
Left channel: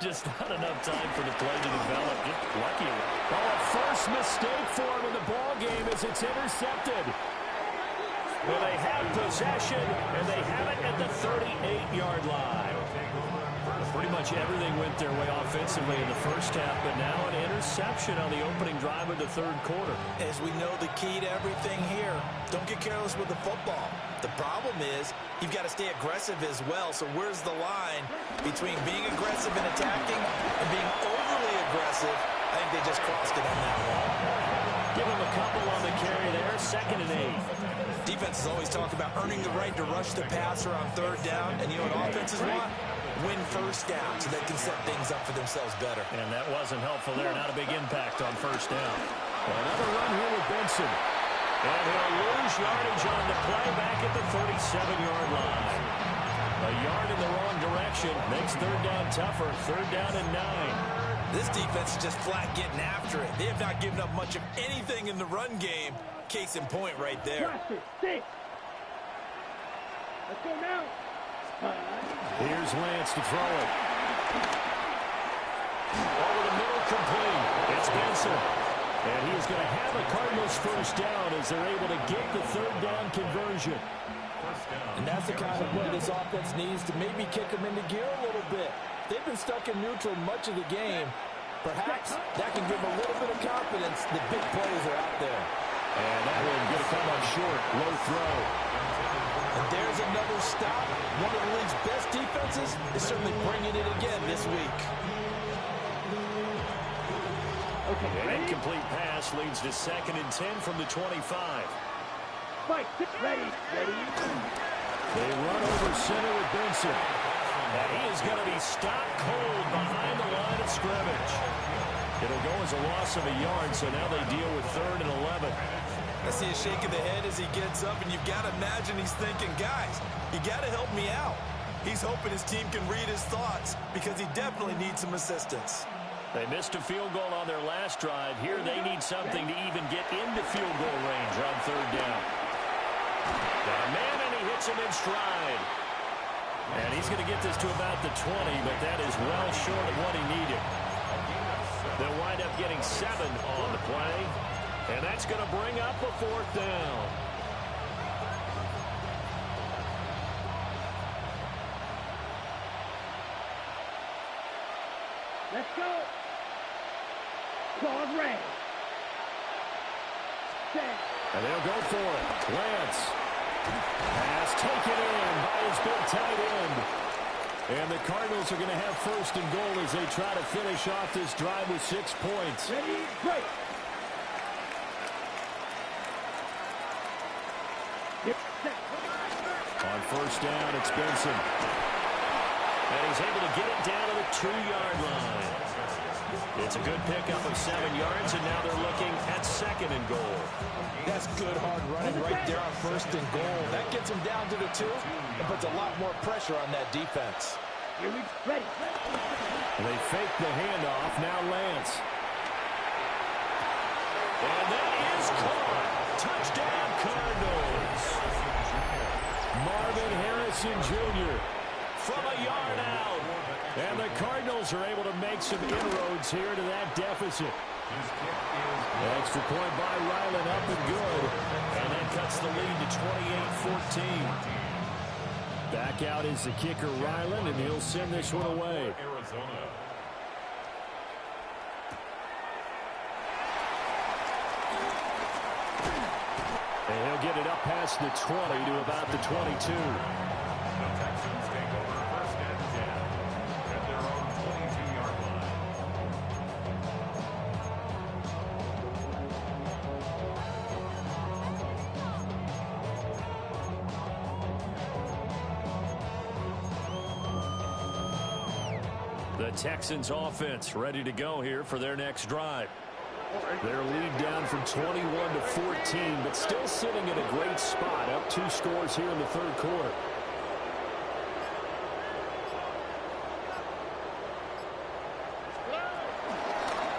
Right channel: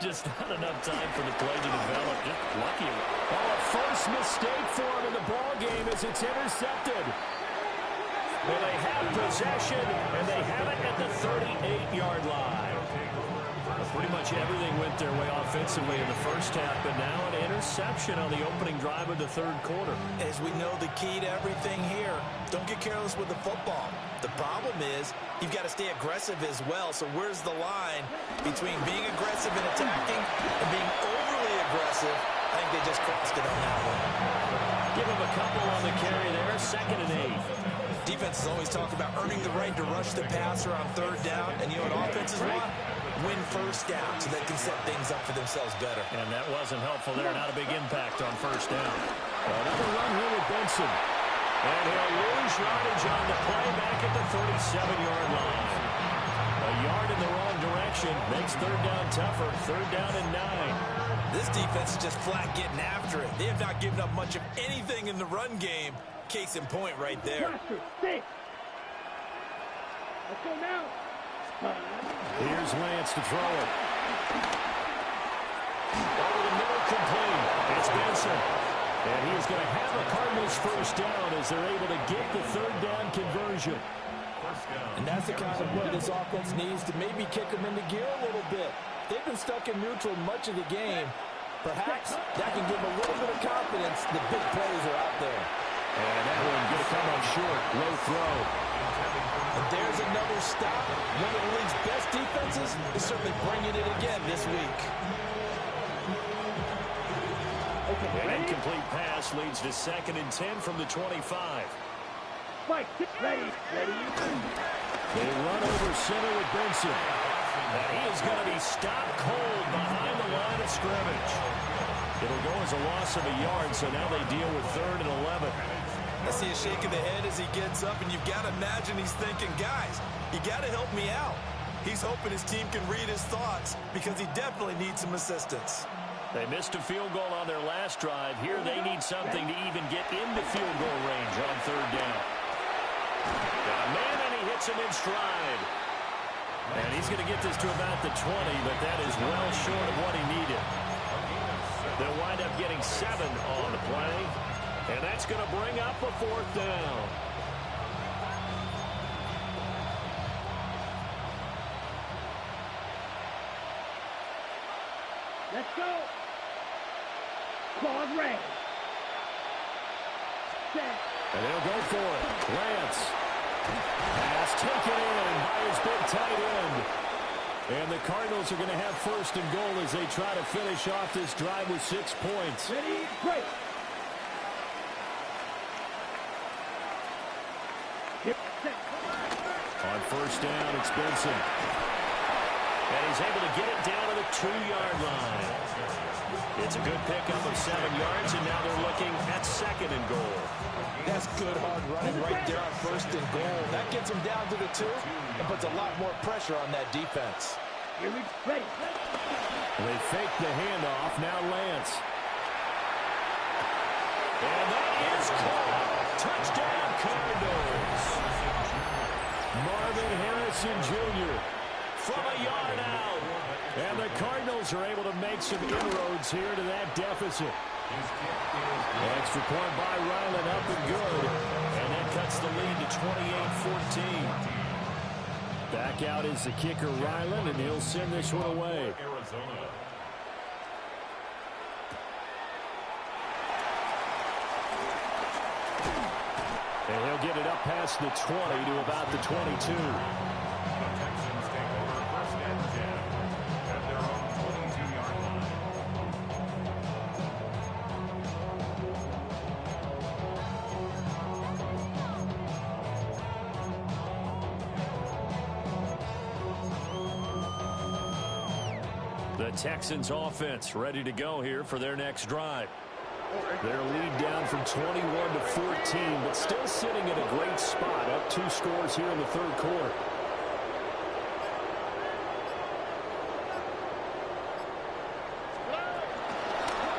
Just not enough time for the play to develop. Just lucky. Oh, a first mistake for him in the ball game as it's intercepted. Well, they have possession, and they have it at the 38-yard line. Pretty much everything went their way offensively in the first half, but now an interception on the opening drive of the third quarter. As we know, the key to everything here, don't get careless with the football. The problem is you've got to stay aggressive as well. So where's the line between being aggressive and attacking and being overly aggressive? I think they just crossed it on that one. Give him a couple on the carry there, 2nd and 8. Defenses always talk about earning the right to rush the passer on third down, and you know what offenses want? Win first down so they can set things up for themselves better. And that wasn't helpful there. Not a big impact on first down. Another run here with Benson. And he'll lose yardage on the play back at the 37-yard line. A yard in the wrong direction makes third down tougher. 3rd down and 9. This defense is just flat getting after it. They have not given up much of anything in the run game. Case in point right there. Let's go now. Here's Lance to throw it. Over the middle, complete. It's Benson. And he is going to have a Cardinals first down as they're able to get the 3rd down conversion. And that's the kind of play this offense needs to maybe kick them into gear a little bit. They've been stuck in neutral much of the game. Perhaps that can give them a little bit of confidence. The big plays are out there. And that one going to come up short. Low throw. And there's another stop. One of the league's best defenses is certainly bringing it again this week. An incomplete pass leads to 2nd and 10 from the 25. Fight, ready. They run over center with Benson. And he is going to be stopped cold behind the line of scrimmage. It'll go as a loss of a yard, so now they deal with 3rd and 11. I see a shake of the head as he gets up, and you've got to imagine he's thinking, guys, you got to help me out. He's hoping his team can read his thoughts because he definitely needs some assistance. They missed a field goal on their last drive. Here they need something to even get into field goal range on 3rd down. Got a man, and he hits him in stride. And he's going to get this to about the 20, but that is well short of what he needed. They'll wind up getting 7 on the play, and that's going to bring up a 4th down. Let's go. Claws ready. Set. And they'll go for it. Lance. Pass taken in by his big tight end. And the Cardinals are going to have first and goal as they try to finish off this drive with 6 points. Ready, break. On first down, it's Benson. And he's able to get it down to the 2-yard line. It's a good pickup of 7 yards, and now they're looking at second and goal. That's good hard running right there on first and goal. That gets them down to the 2 and puts a lot more pressure on that defense. Here we ready. They fake the handoff. Now Lance. And that is caught. Touchdown, Cardinals. Marvin Harrison Jr. from a yard out. And the Cardinals are able to make some inroads here to that deficit. Extra point by Ryland, up and good. And that cuts the lead to 28-14. Back out is the kicker, Ryland, and he'll send this one away. And he'll get it up past the 20 to about the 22. The Texans take over first and 10 at their own 22-yard line. The Texans offense ready to go here for their next drive. Their lead down from 21 to 14, but still sitting in a great spot, up 2 scores here in the third quarter.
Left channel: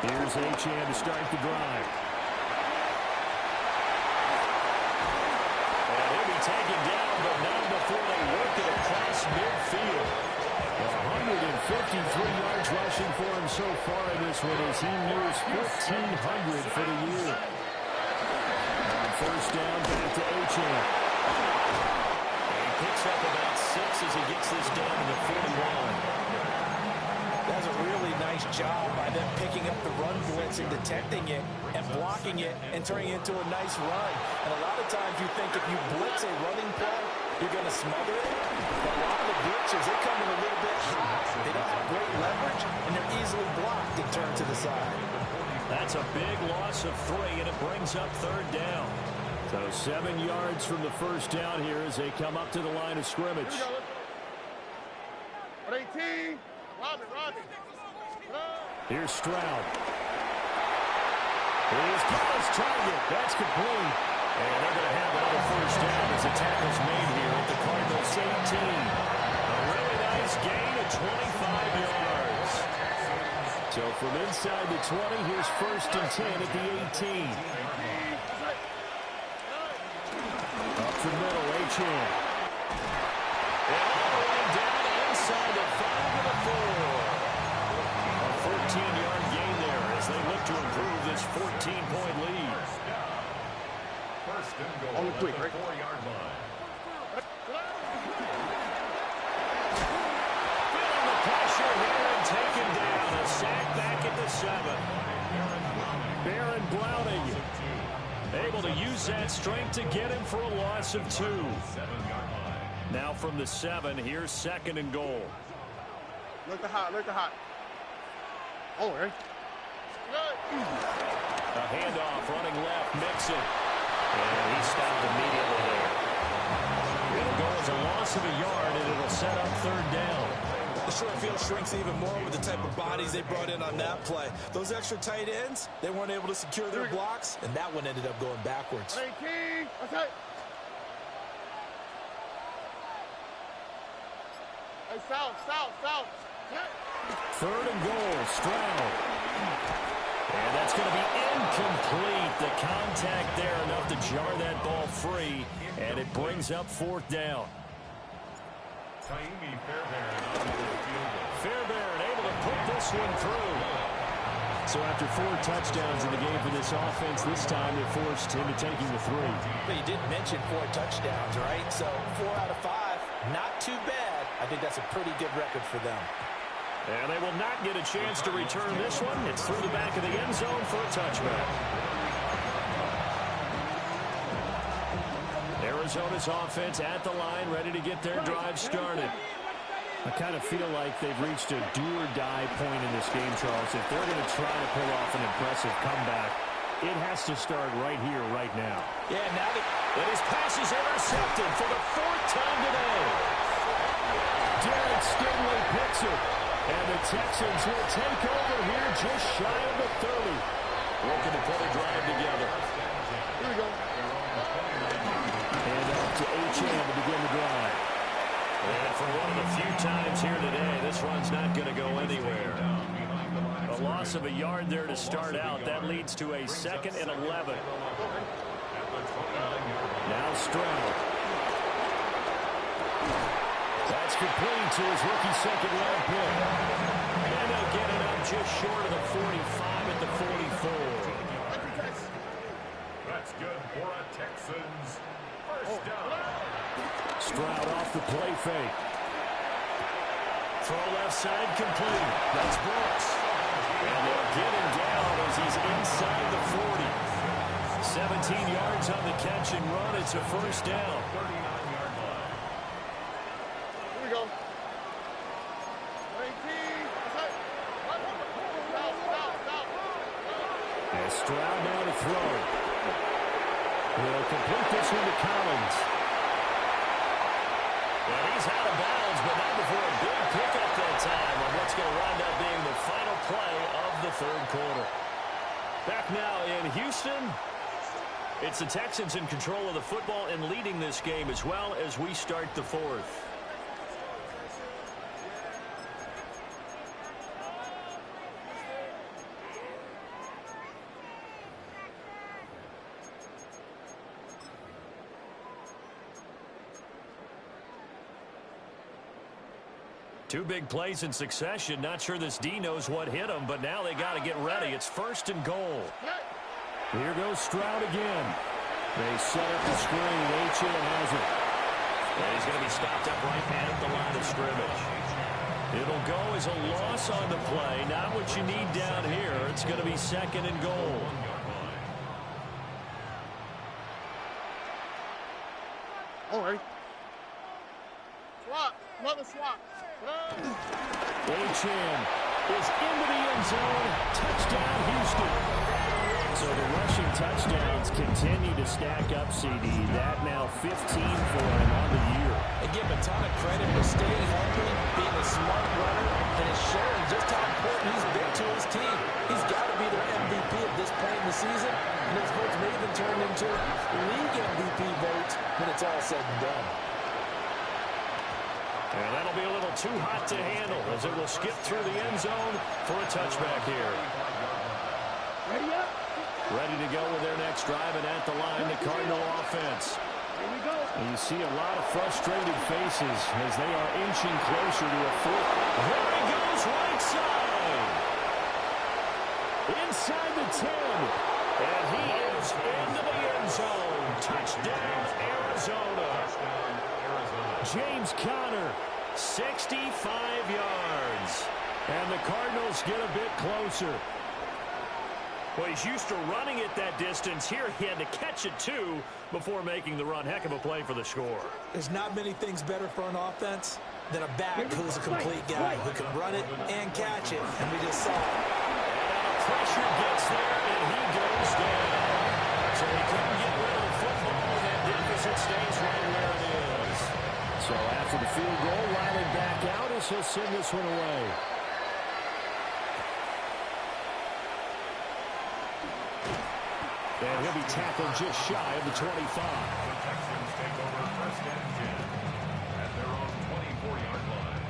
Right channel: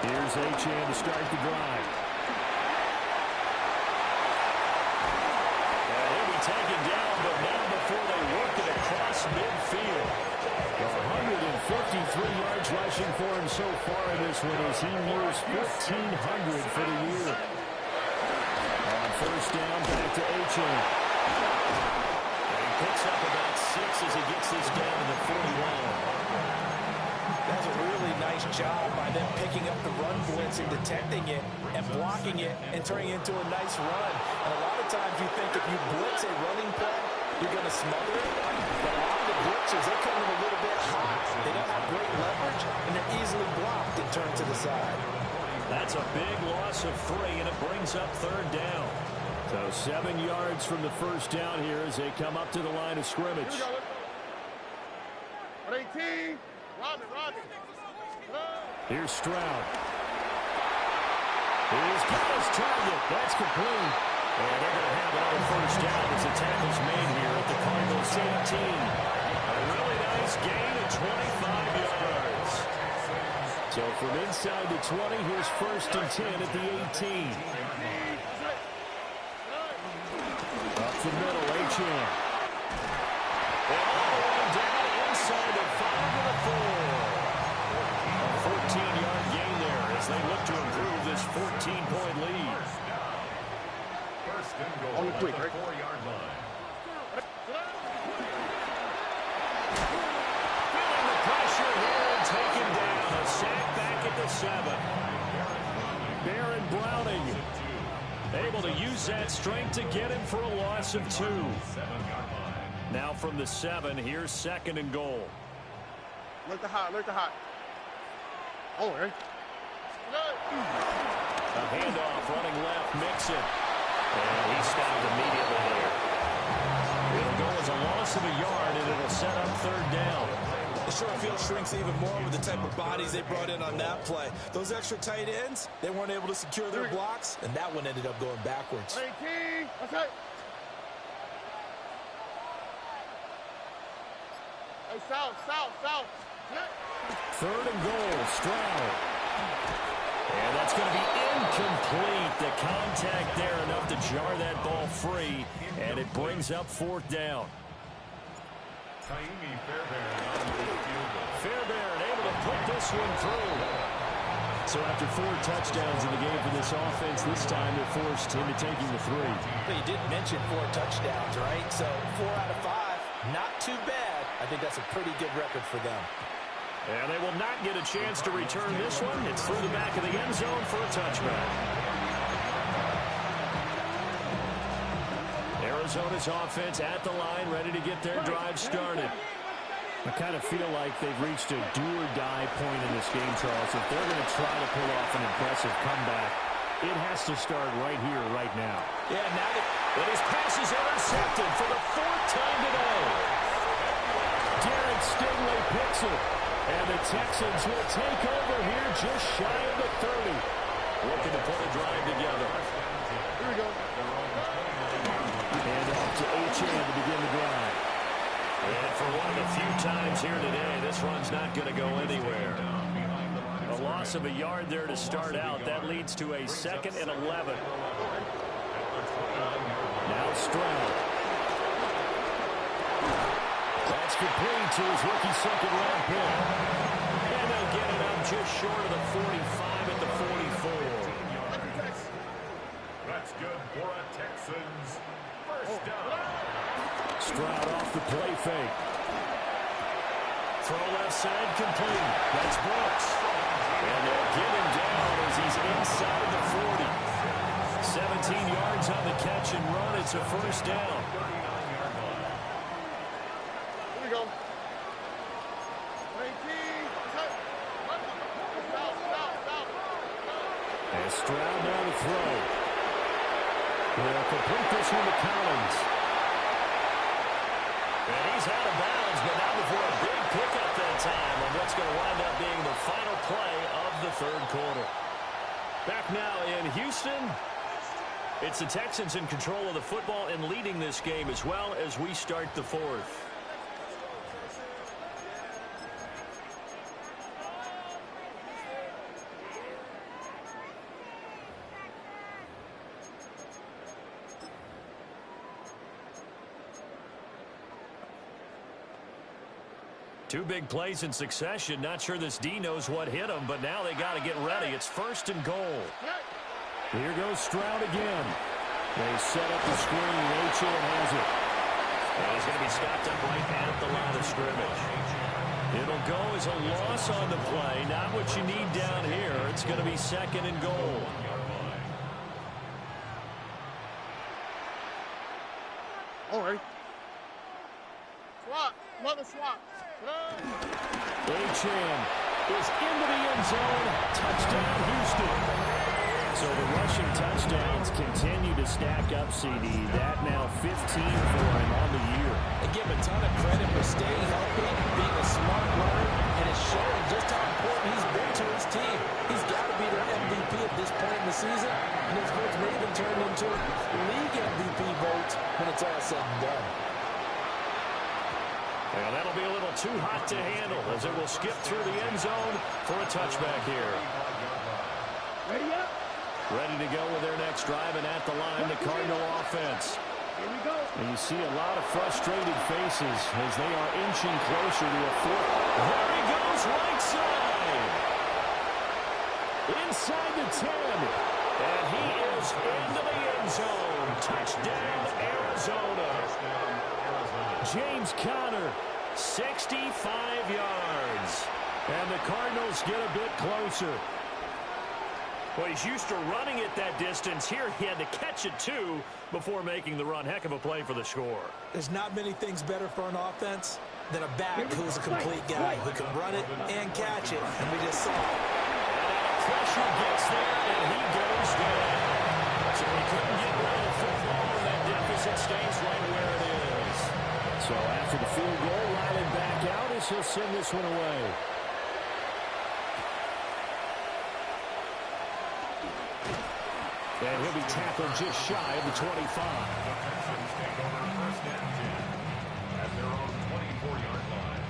Here's Achane to start the drive. And he'll be taken down, but not before they work it across midfield. 153 yards rushing for him so far in this one as he nears 1,400 for the year. On first down, back to Achane. And he picks up about 6 as he gets this down to the 41. That's a really nice job by them picking up the run blitz and detecting it and blocking it and turning it into a nice run. And a lot of times you think if you blitz a running play, you're going to smother it. But a lot of the blitzers, they come in a little bit high. They don't have great leverage, and they're easily blocked and turned to the side. That's a big loss of 3, and it brings up third down. So 7 yards from the first down here as they come up to the line of scrimmage. Here we go. 18. Robin. Here's Stroud. He's got his target. That's complete. And they're going to have another first down as the tackle's made here at the Cardinals 18. A really nice gain of 25 yards. So from inside the 20, here's first and 10 at the 18. Up the middle, Achane. And all the way down inside the 5 to the 4. A 14-yard gain there as they look to improve this 14-point lead. First and goal Only quick, at the right? 4-yard line. Feeling the pressure here and taken down. A sack back at the 7. Baron Browning able to use that strength to get him for a loss of 2. 7-yard line. Now from the 7, here's second and goal. Look the hot. Oh, right. A handoff running left, Mixon. And he stopped immediately there. It'll go as a loss of a yard, and it'll set up third down. The short field shrinks even more with the type of bodies they brought in on that play. Those extra tight ends, they weren't able to secure their blocks, and that one ended up going backwards. 18. That's it. Hey, south. Third and goal, Stroud. And that's going to be incomplete. The contact there enough to jar that ball free, and it brings up fourth down. Taimi Fairbairn on the field goal. Fairbairn able to put this one through. So after 4 touchdowns in the game for this offense, this time they're forced into taking the 3. But you did mention 4 touchdowns, right? So 4 out of 5, not too bad. I think that's a pretty good record for them. And they will not get a chance to return this one. It's through the back of the end zone for a touchback. Arizona's offense at the line, ready to get their drive started. I kind of feel like they've reached a do-or-die point in this game, Charles. If they're going to try to pull off an impressive comeback, it has to start right here, right now. Yeah, now that his pass is intercepted for the 4th time today. Derek Stingley picks it, and the Texans will take over here just shy of the 30. Looking to put a drive together. Here we go. And off to Achane to begin the drive. And for one of the few times here today, this run's not going to go anywhere. A loss of a yard there to start out. That leads to a 2nd and 11. Now Stroud. That's complete to his rookie 2nd-round pick. And they'll get it up just short of the 45 at the 44. That's good for a Texans first down. Stroud off the play fake. Throw left side complete. That's Brooks. And they'll get him down as he's inside the 40. 17 yards on the catch and run. It's a first down. 39-yard line. Here we go. 18. And Stroud now to throw. He'll complete this one to Collins. And he's out of bounds, but not before a big pickup that time on what's going to wind up being the final play of the 3rd quarter. Back now in Houston, it's the Texans in control of the football and leading this game as well as we start the 4th. Two big plays in succession. Not sure this D knows what hit him, but now they got to get ready. It's 1st and goal. Here goes Stroud again. They set up the screen. Achane has it. And he's going to be stopped up right at the line of scrimmage. It'll go as a loss on the play. Not what you need down here. It's going to be 2nd and goal. All right. Swap. Another swap. Achane is into the end zone. Touchdown, Houston. So the rushing touchdowns continue to stack up, CD. That now 15 for him on the year. I give him a ton of credit for staying healthy, being a smart runner, and it's showing just how important he's been to his team. He's got to be their MVP at this point in the season, and his votes may even turn into league MVP votes when it's all said and done. And that'll be a little too hot to handle as it will skip through the end zone for a touchback here. Ready up. Ready to go with their next drive, and at the line, the Cardinal offense. Here we go. And you see a lot of frustrated faces as they are inching closer to a 4th. There he goes, right side. Inside the 10. And he is into the end zone. Touchdown, Arizona. James Conner, 65 yards. And the Cardinals get a bit closer. Well, he's used to running it that distance. Here he had to catch it, too, before making the run. Heck of a play for the score. There's not many things better for an offense than a back who's a complete guy who can run it and catch it, and we just saw it. And now the pressure gets there, and he goes down. So he couldn't get rid of the football, and that deficit stays right where it is. So after the field goal, Riley back out as he'll send this one away. And he'll be tackled just shy of the 25. The Texans take over 1st and 10 at their own 24-yard line.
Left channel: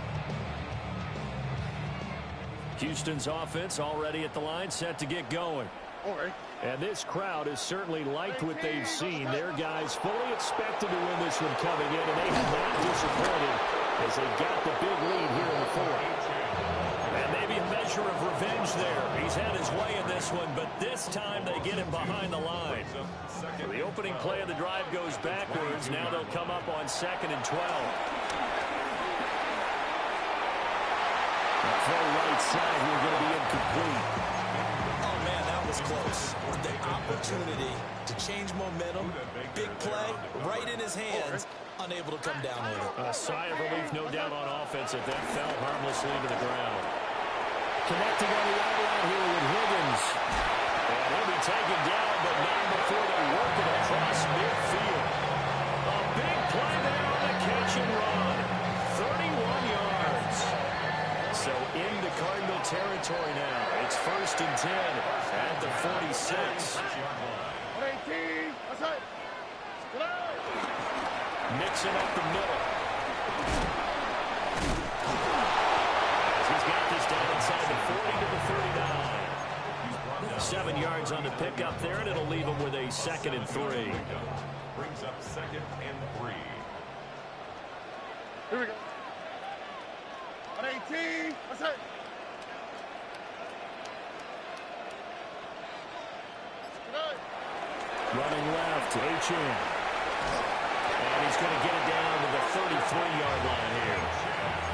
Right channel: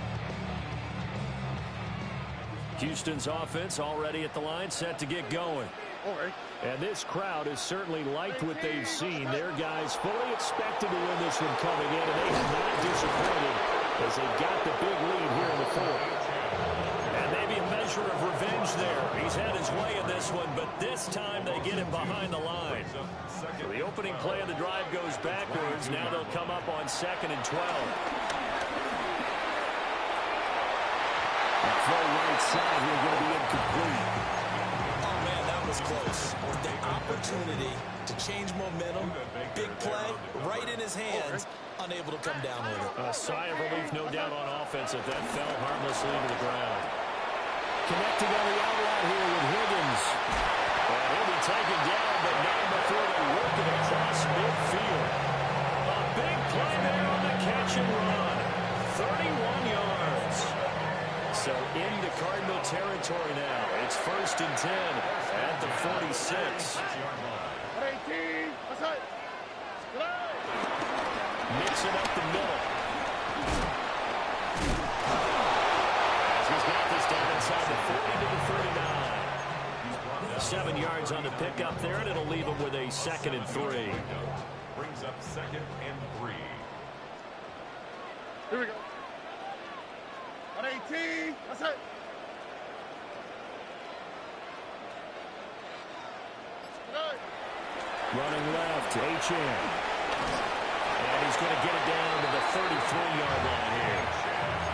Houston's offense already at the line, set to get going. All right. And this crowd has certainly liked what they've seen. Their guys fully expected to win this one coming in, and they have not disappointed as they got the big lead here in the 4th. And maybe a measure of revenge there. He's had his way in this one, but this time they get him behind the line. So the opening play of the drive goes backwards. Now they'll come up on 2nd and 12. Throw right side here going to be incomplete. Oh, man, that was close. The opportunity to change momentum, big play, right in his hands, unable to come down with it. A sigh of relief, no doubt, on offense that fell harmlessly to the ground. Connecting on the out route here with Higgins. And he'll be taken down, but not before they work it across midfield. A big play there on the catch and run. 31 yards. So into Cardinal territory now. It's 1st and 10 at the 46. 118. Mixing up the middle. As he's got this down inside the 40 to the 39. 7 yards on the pickup there, and it'll leave him with a 2nd and 3. Brings up 2nd and 3. Here we go. 118. That's it. Running left, H.N. And he's going to get it down to the 33-yard line here.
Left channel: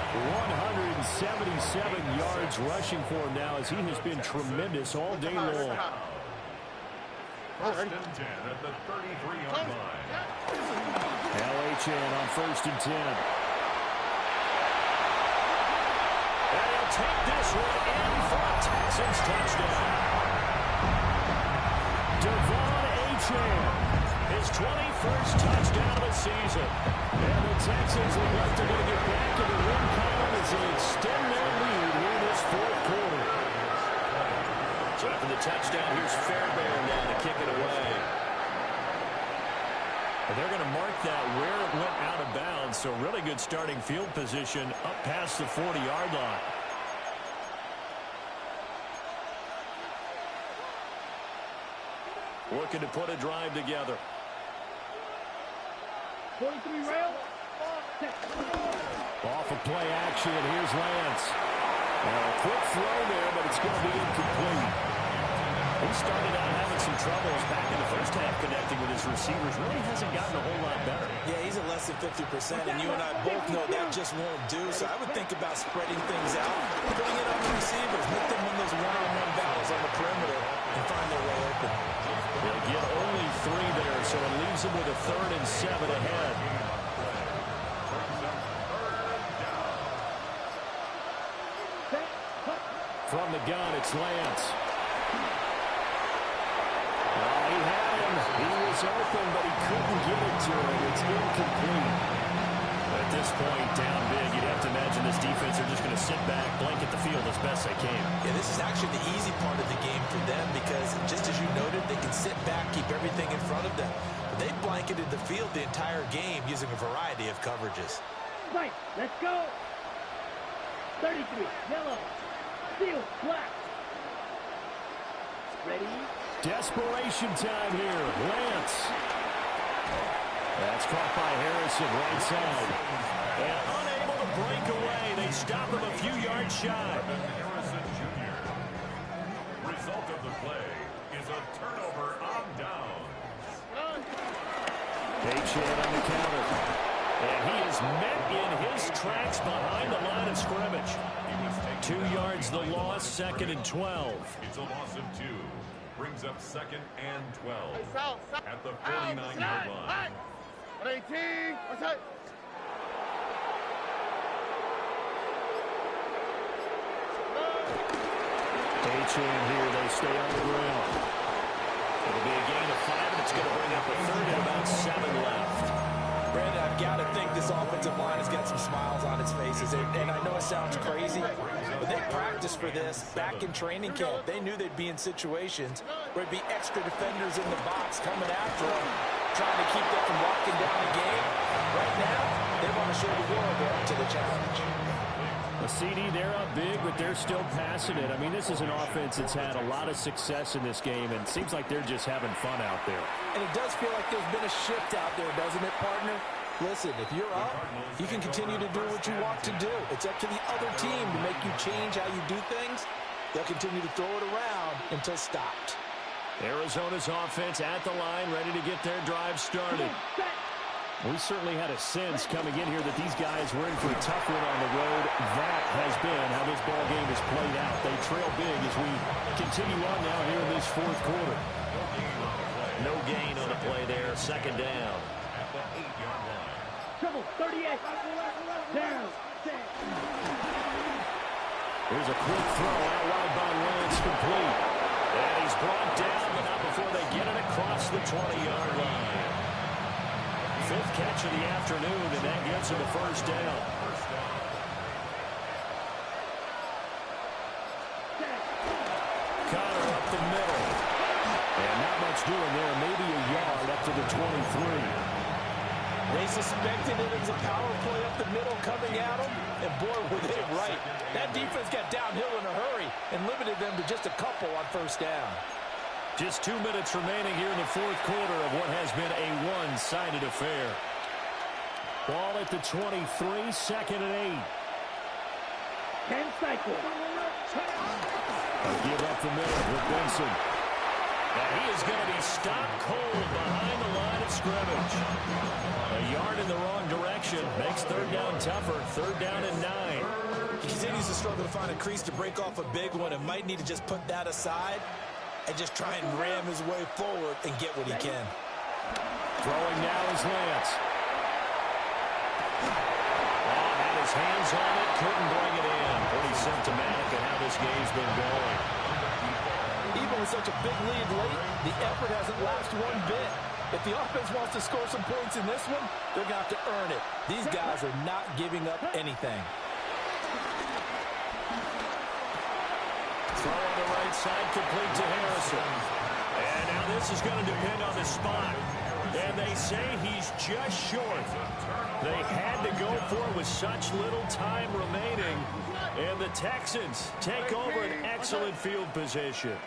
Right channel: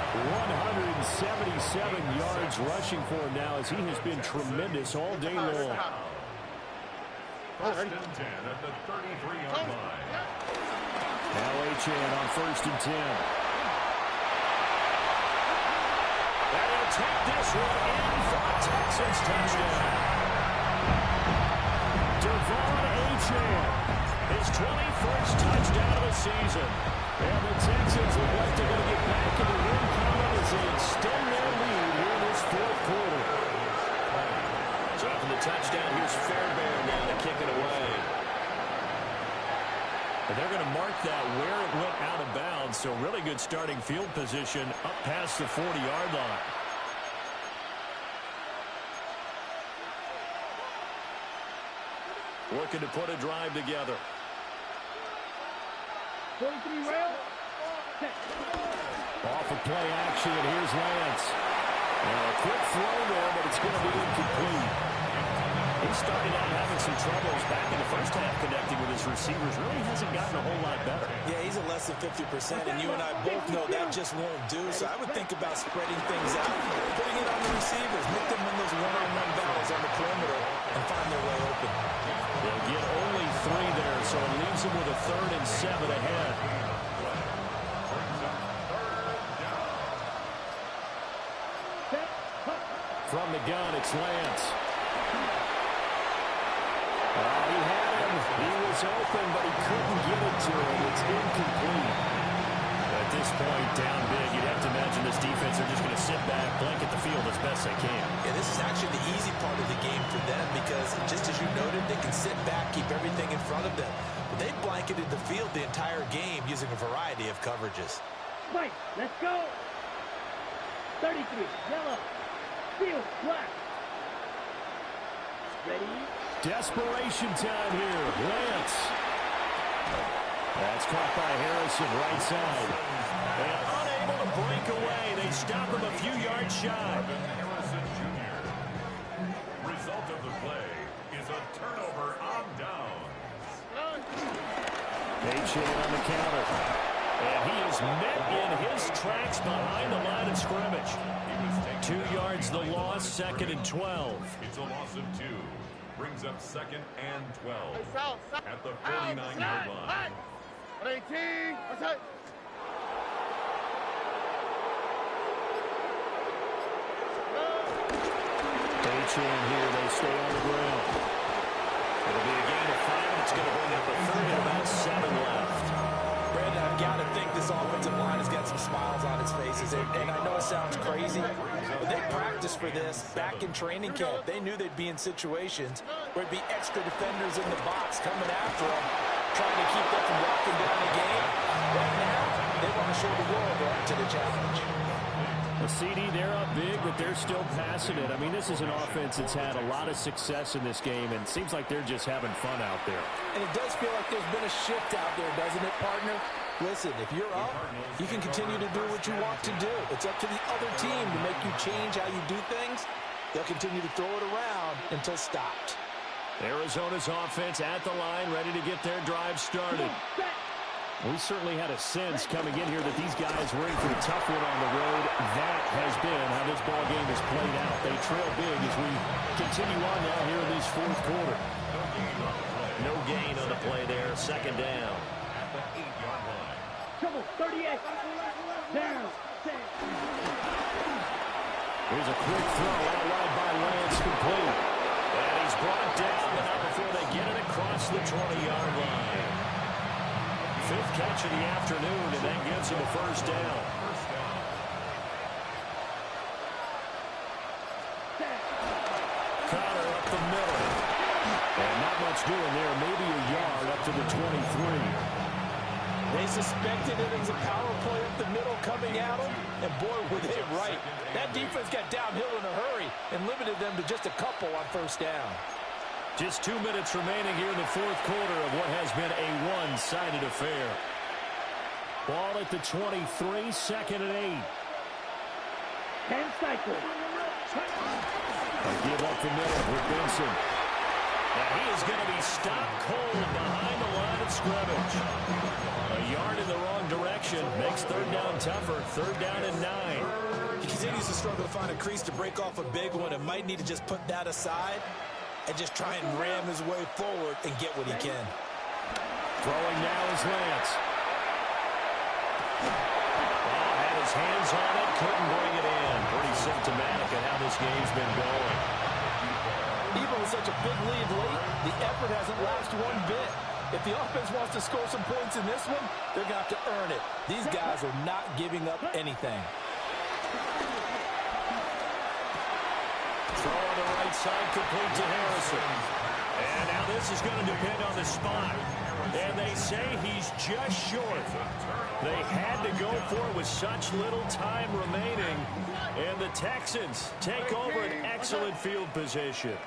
177 yards rushing for him now, as he has been tremendous all day long. 1st and 10 at the 33-yard line. Now H.N. on 1st and 10. And he'll take this one in for a Texans touchdown. Devon H.N. His 21st touchdown of the season. And the Texans look like they're going to get back in the win column as they extend their lead here in this 4th quarter. So after the touchdown, here's Fairbairn now to kick it away. And they're going to mark that where it went out of bounds. So really good starting field position up past the 40-yard line. Looking to put a drive together. 43 rail. Off of play action, and here's Lance. Now a quick throw there, but it's going to be incomplete. He started out having some troubles back in the first half connecting with his receivers. Really hasn't gotten a whole lot better. Yeah, he's at less than 50%, and you and I both know that just won't do. So I would think about spreading things out, putting it on the receivers, make them win those one-on-one battles on the perimeter, and find their way open. They'll get only 3 there, so it leaves them with a 3rd and 7 ahead. From the gun, it's Lance. Oh, he had him. He was open, but he couldn't get it to him. It's incomplete. At this point, down big, you'd have to imagine this defense are just going to sit back, blanket the field as best they can. Yeah, this is actually the easy part of the game for them because, just as you noted, they can sit back, keep everything in front of them. But they blanketed the field the entire game using a variety of coverages. Right, let's go. 33, yellow, steel, black. Ready? Desperation time here. Lance. That's caught by Harrison, right side. And unable to break away. They stop him a few yards shy. Harrison Jr. Result of the play is a turnover on downs. H.N. on the counter. And he is met in his tracks behind the line of scrimmage. 2 yards the loss, 2nd and 12. It's a loss of 2. Brings up 2nd and 12 at the 49-yard line. 118. What's that? H.N. here, they stay on the ground. It'll be a gain of 5, and it's going to bring up a 3rd and about 7 left. Brandon, I've got to think this offensive line has got some smiles on its faces. And I know it sounds crazy, but they practiced for this back in training camp. They knew they'd be in situations where it'd be extra defenders in the box coming after them, trying to keep them from locking down the game. Right now, they want to show the world they're up to the challenge. A CD, they're up big, but they're still passing it. I mean, this is an offense that's had a lot of success in this game, and it seems like they're just having fun out there. And it does feel like there's been a shift out there, doesn't it, partner? Listen, if you're up, you can continue to do what you want to do. It's up to the other team to make you change how you do things. They'll continue to throw it around until stopped. Arizona's offense at the line, ready to get their drive started. We certainly had a sense coming in here that these guys were in for a tough one on the road. That has been how this ball game has played out. They trail big as we continue on now here in this fourth quarter. No gain on the play there. Second down. At the 8-yard line. Trouble, 38. Down. Here's a quick throw out wide by Lance, complete. And he's brought down, but not before they get it across the 20-yard line. Fifth catch of the afternoon, and that gives him a first down. Connor up the middle. And not much doing there, maybe a yard up to the 23. They suspected it as a power play up the middle coming at them, and boy, were they right. That defense got downhill in a hurry and limited them to just a couple on first down. Just 2 minutes remaining here in the fourth quarter of what has been a one-sided affair. Ball at the 23, second and 8. 10 cycle. A give up the middle with Benson. And he is going to be stopped cold behind the line of scrimmage. A yard in the wrong direction makes third down tougher. Third down and 9. He continues to struggle to find a crease to break off a big one and might need to just put that aside and just try and ram his way forward and get what he can. Throwing now is Lance. Oh, had his hands on it, couldn't bring it in. Pretty symptomatic of how this game's been going. Even with such a big lead late, the effort hasn't lapsed one bit. If the offense wants to score some points in this one, they're going to have to earn it. These guys are not giving up anything. Throw on the right side, complete to Harrison. And now this is going to depend on the spot. And they say he's just short. They had to go for it with such little time remaining. And the Texans take over an excellent field position.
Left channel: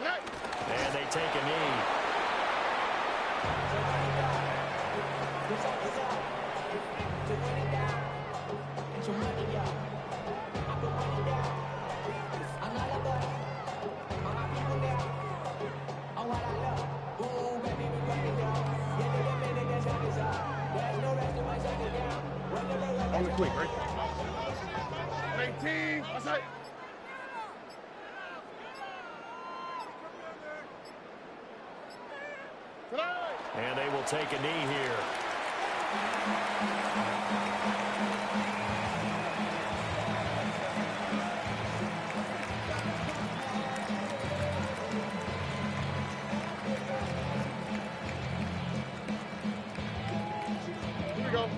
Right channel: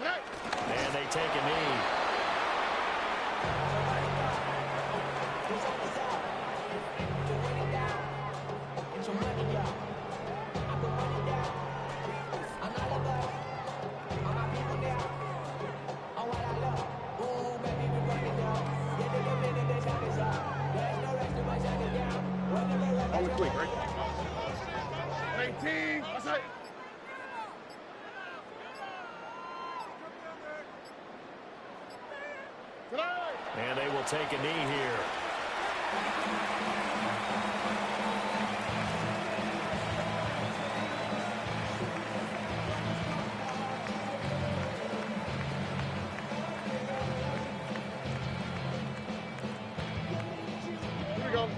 And they take a knee. Only quick, right? 18. What's that? And they will take a knee here. Here we go.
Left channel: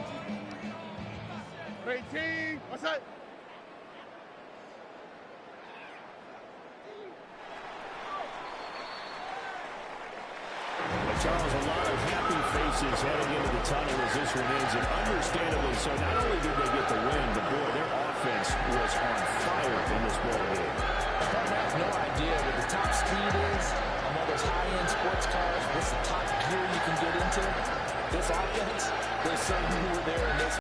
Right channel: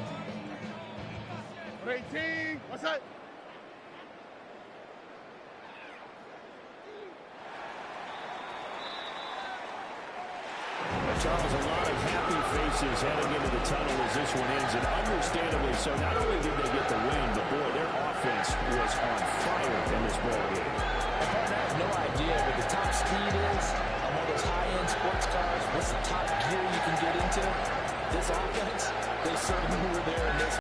18. What's that? Charles, a lot of happy faces heading into the tunnel as this one ends, and understandably so. Not only did they get the win, but boy, their offense was on fire in this ball game. The partner has no idea what the top speed is on one of those high-end sports cars. What's the top gear you can get into? This offense, they certainly were there in this